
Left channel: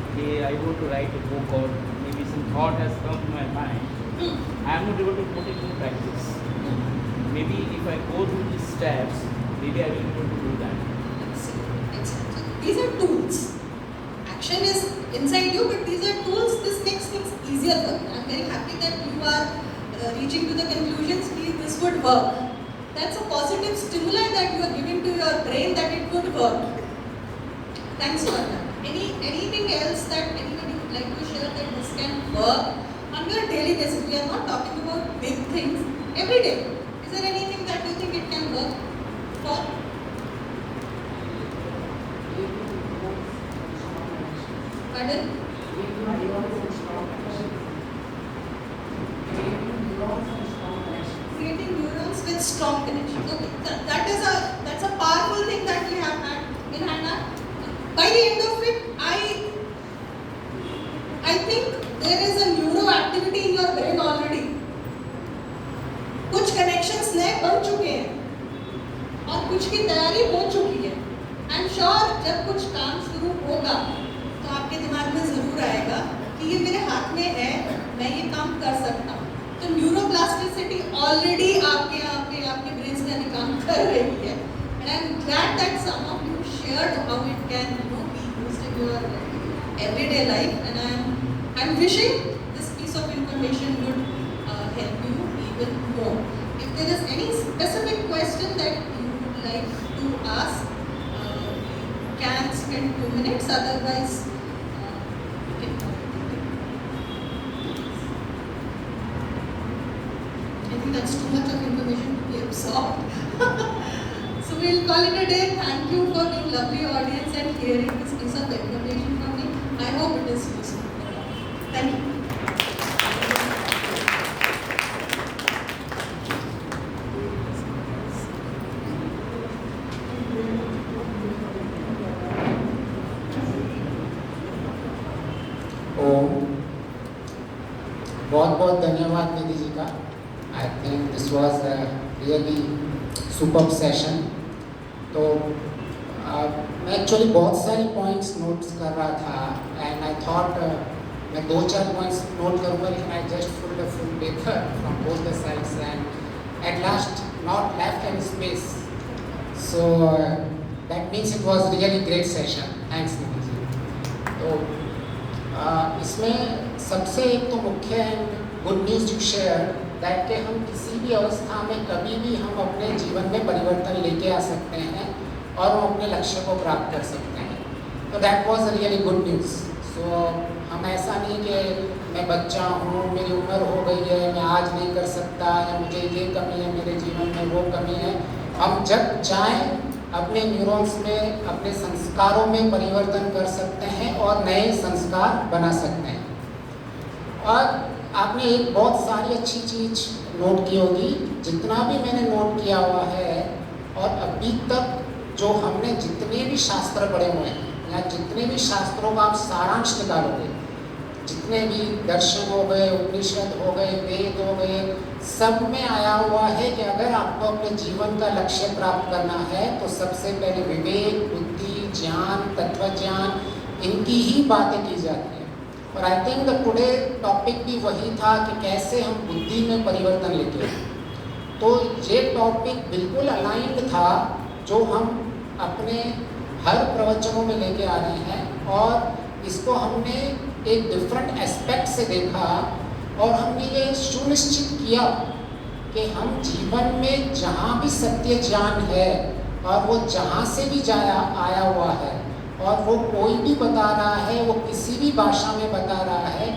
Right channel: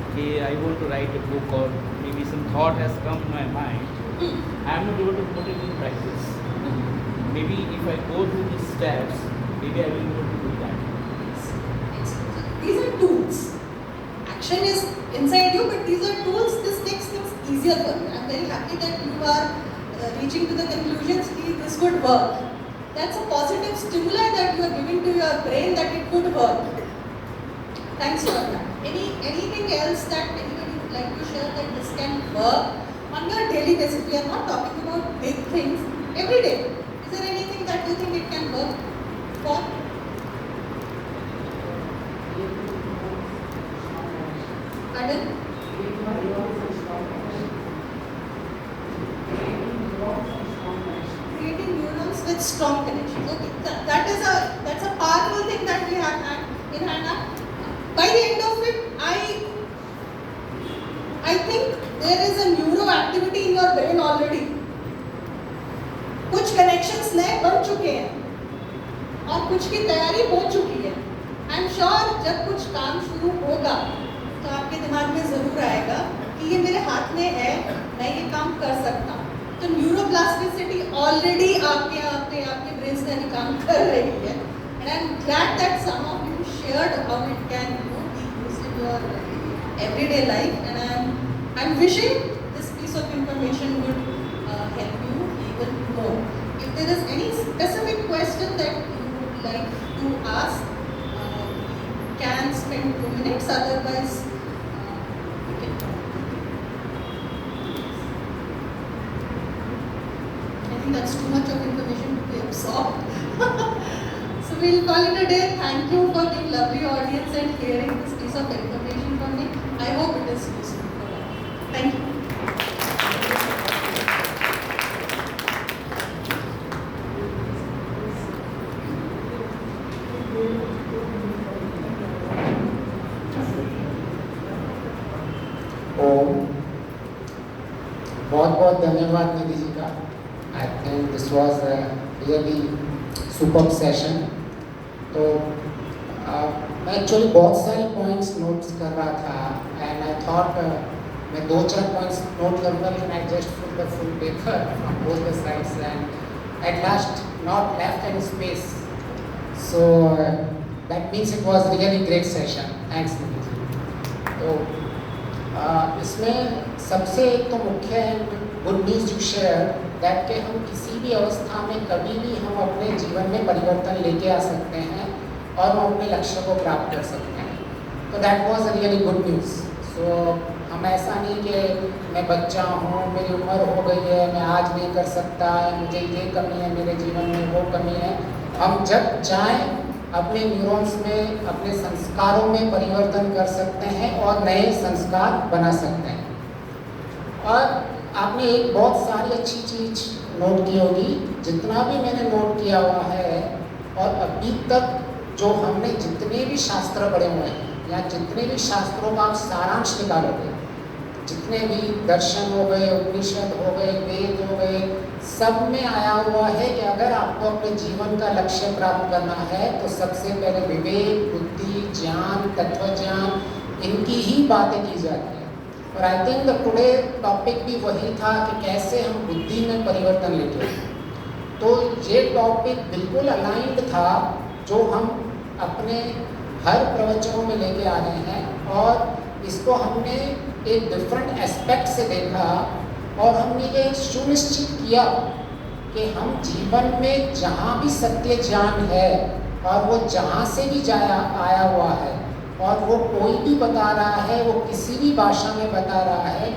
Okay, I want to write a book, or maybe some thought has come to my mind. I am not able to put it into practice. Maybe if I go through these steps, maybe I will be able to do that. Excellent. So these are tools. Action is inside you, but these are tools. This makes things easier for you. I am very happy that you are reaching to the conclusions that this would work. That's a positive stimuli that you are giving to your brain that it could work. Thanks for that. Anything else that anybody would like to share that this can work on your daily basis? We are not talking about big things. Every day. Is there anything that you think it can work for? Pardon? Creating neurons with strong connections. Okay, that's a powerful thing that we have had in Hannah. By the end of it, I think there is a neuro activity in your brain already. कुछ connections नए बन चुके हैं और कुछ की तैयारी हो चुकी है। आई एम श्योर जब कुछ काम शुरू होगा तो आपके दिमाग में जरूर आएगा कि ये मेरे हाथ में है, मैं ये काम कर सकता हूँ। तो न्यूरोप्लास्टिसिटी ऑलरेडी आपके ब्रेन्स में काम कर रही है। And I am glad that some of you share shared how it can be used in your everyday life, and I'm wishing this piece of information would help you even more. If there is any specific question that you would like to ask, we can spend 2 minutes, otherwise we can go. I think that's too much of information to be absorbed. So we'll call it a day. Thank you for the lovely audience and hearing this piece of information from me. I hope it is useful for all. Thank you. ओम बहुत बहुत धन्यवाद निधि जी का. I think this was a really super session. तो मैं actually बहुत सारे points notes कर रहा था एंड आई थॉट मैं 2-4 पॉइंट्स नोट करूँगा, लेकिन I just full the full paper from both the sides and at last not left any space. So that means it was really great session. Thanks Nidhi ji. तो इसमें सबसे एक तो मुख्य good news you share that कि हम किसी भी अवस्था में कभी भी हम अपने जीवन में परिवर्तन लेके आ सकते हैं और हम अपने लक्ष्य को प्राप्त कर सकते हैं. तो that was really good news. So हम ऐसा नहीं कि मैं बच्चा हूँ, मेरी उम्र हो गई है, मैं आज नहीं कर सकता, या मुझे ये कमी है मेरे जीवन में, वो कमी है. हम जब चाहें अपने न्यूरॉन्स में, अपने संस्कारों में परिवर्तन कर सकते हैं और नए संस्कार बना सकते हैं. और आपने एक बहुत सारी अच्छी चीज़ नोट की होगी. जितना भी मैंने नोट किया हुआ है और अभी तक जो हमने जितने भी शास्त्र पढ़े हुए हैं या जितने भी शास्त्रों का आप सारांश निकालोगे, जितने भी दर्शन हो गए, उपनिषद हो गए, वेद हो गए, सब में आया हुआ है कि अगर आपको अपने जीवन का लक्ष्य प्राप्त करना है तो सबसे पहले विवेक, बुद्धि, ज्ञान, तत्व ज्ञान, इनकी ही बातें की जाती हैं. और I think the today topic भी वही था कि कैसे हम बुद्धि में परिवर्तन लेके आए. तो ये टॉपिक बिल्कुल अलाइंड था जो हम अपने हर प्रवचनों में लेके आ रहे हैं, और इसको हमने एक डिफरेंट एस्पेक्ट से देखा और हमने ये सुनिश्चित किया कि हम जीवन में जहाँ भी सत्य ज्ञान है और वो जहाँ से भी आया हुआ है और वो कोई भी बता रहा है, वो किसी भी भाषा में बता रहा है,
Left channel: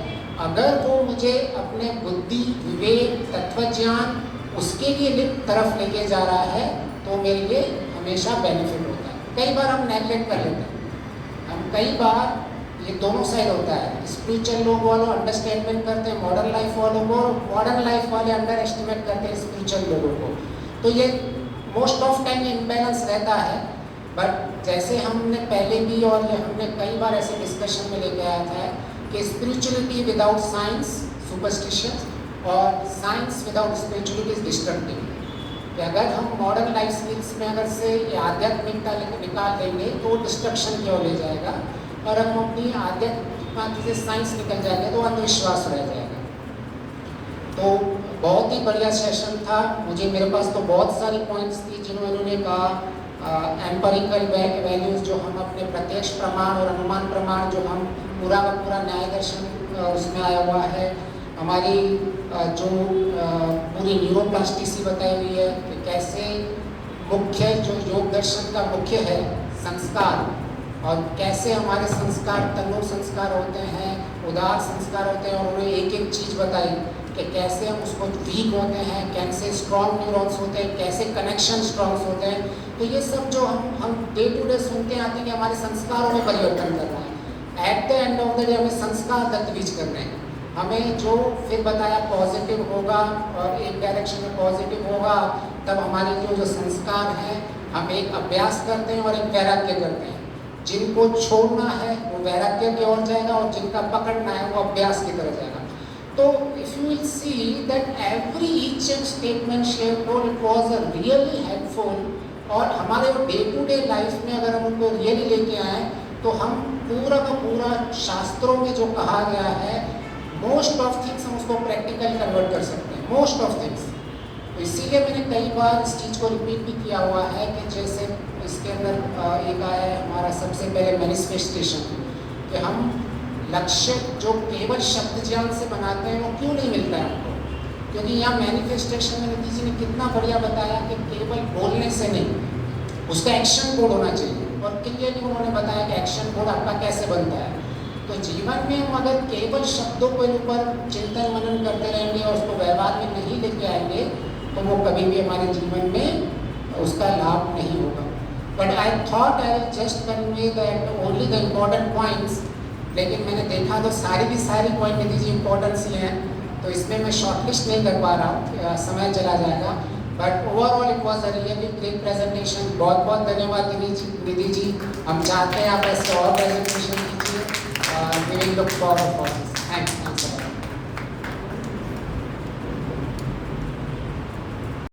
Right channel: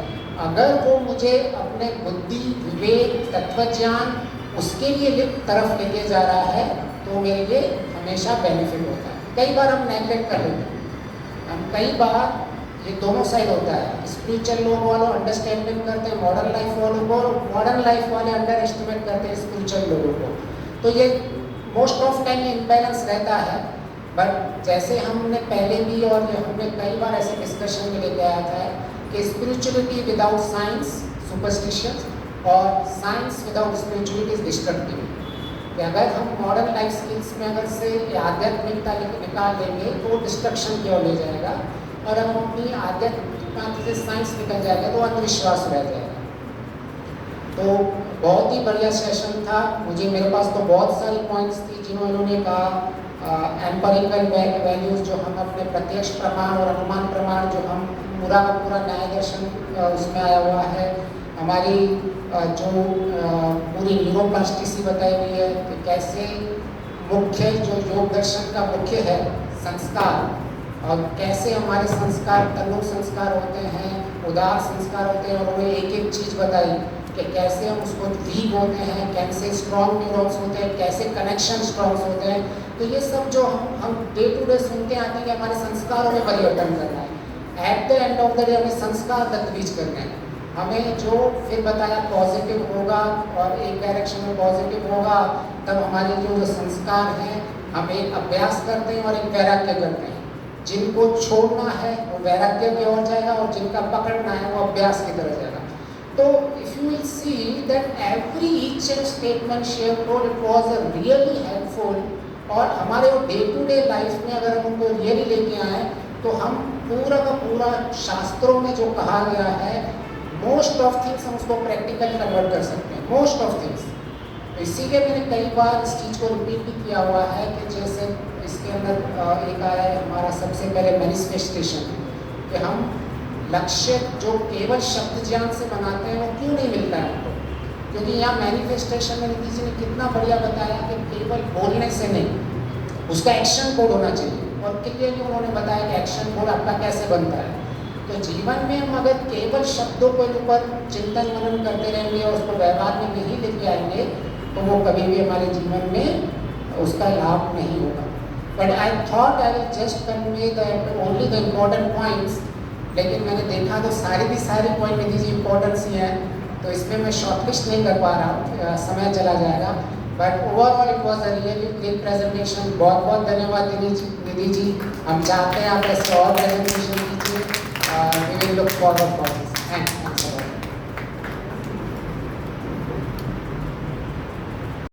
अगर वो मुझे अपने बुद्धि, विवेक, तत्वज्ञान उसके लिए तरफ लेके जा रहा है तो मेरे लिए हमेशा बेनिफिट होता है. कई बार हम नेगलेक्ट कर लेते हैं. हम कई बार ये दोनों साइड होता है. स्पिरिचुअल लोग वालों अंडरस्टैंडिंग करते हैं मॉडर्न लाइफ वालों को, मॉडर्न लाइफ वाले अंडर एस्टिमेट करते हैं स्पिरिचुअल लोगों को. तो ये मोस्ट ऑफ टाइम ये इम्बैलेंस रहता है. बट जैसे हमने पहले भी और ये हमने कई बार ऐसे डिस्कशन में लेके आया था कि स्पिरिचुअलिटी विदाउट साइंस सुपरस्टिशन और science without spirituality is destructive. कि अगर हम मॉडर्न लाइफ स्किल्स में अगर से आध्यात्मिकता निकाल देंगे तो डिस्ट्रक्शन की ओर ले जाएगा, और हम अपनी आध्यात्मिकता से साइंस निकल जाएगा तो अंधविश्वास रह जाएगा. तो बहुत ही बढ़िया सेशन था. मुझे मेरे पास तो बहुत सारी पॉइंट्स थी जिन्होंने कहा एम्पेरिकल वैल्यूज़ जो हम अपने प्रत्यक्ष प्रमाण और अनुमान प्रमाण जो हम पूरा का पूरा न्याय दर्शन उसमें आया हुआ है. हमारी जो पूरी न्यूरोप्लास्टिसिटी बताई हुई है कि कैसे मुख्य जो योग दर्शन का मुख्य है संस्कार, और कैसे हमारे संस्कार तनु संस्कार होते हैं, उदार संस्कार होते हैं, और उन्हें एक एक चीज़ बताई कि कैसे हम उसको वीक होते हैं, कैसे स्ट्रॉन्ग न्यूरॉन्स होते हैं, कैसे कनेक्शन स्ट्रॉन्ग होते हैं. तो ये सब जो हम डे टू डे सुनते आते हैं कि हमारे संस्कारों में परिवर्तन करना है. At the end of the day हमें संस्कार तत्वीज करने हैं. हमें जो फिर बताया पॉजिटिव होगा और एक डायरेक्शन में पॉजिटिव होगा, तब हमारे जो संस्कार हैं हम एक अभ्यास करते हैं और एक वैराग्य करते हैं. जिनको छोड़ना है वो वैराग्य की ओर जाएगा और जिनका पकड़ना है वो अभ्यास की तरफ जाएगा. तो if you will see that every each and statement share told it was a really helpful. और हमारे डे टू डे लाइफ में अगर हम उनको रियली लेके आए तो हम पूरा का पूरा शास्त्रों में जो कहा गया है मोस्ट ऑफ थिंग्स हम उसको प्रैक्टिकल कन्वर्ट कर सकते हैं. Most of things. तो इसीलिए मैंने कई बार इस चीज़ को रिपीट भी किया हुआ है कि जैसे इसके अंदर एक आया है सबसे पहले मैनिफेस्टेशन है कि हम लक्ष्य जो केवल शब्द ज्ञान से बनाते हैं वो क्यों नहीं मिलता है हमको। क्योंकि यहाँ मैनिफेस्टेशन में निधि जी ने कितना बढ़िया बताया कि केवल बोलने से नहीं, उसका एक्शन कोड होना चाहिए। और क्लियरली उन्होंने बताया कि एक्शन कोड आपका कैसे बनता है। तो जीवन में हम अगर केवल शब्दों के ऊपर चिंतन मनन करते रहेंगे और उसको व्यवहार में नहीं लेके आएंगे तो वो कभी भी हमारे जीवन में उसका लाभ नहीं होगा। But I thought I will just convey that only the important points, लेकिन मैंने देखा तो सारी पॉइंट निधि जी इम्पोर्टेंस ही हैं, तो इसमें मैं शॉर्टलिस्ट नहीं कर पा रहा हूँ, समय चला जाएगा। But overall it was a really great presentation. बहुत बहुत धन्यवाद निधि जी। हम चाहते हैं आप ऐसे और प्रेजेंटेशन कीजिए। We will look forward for this.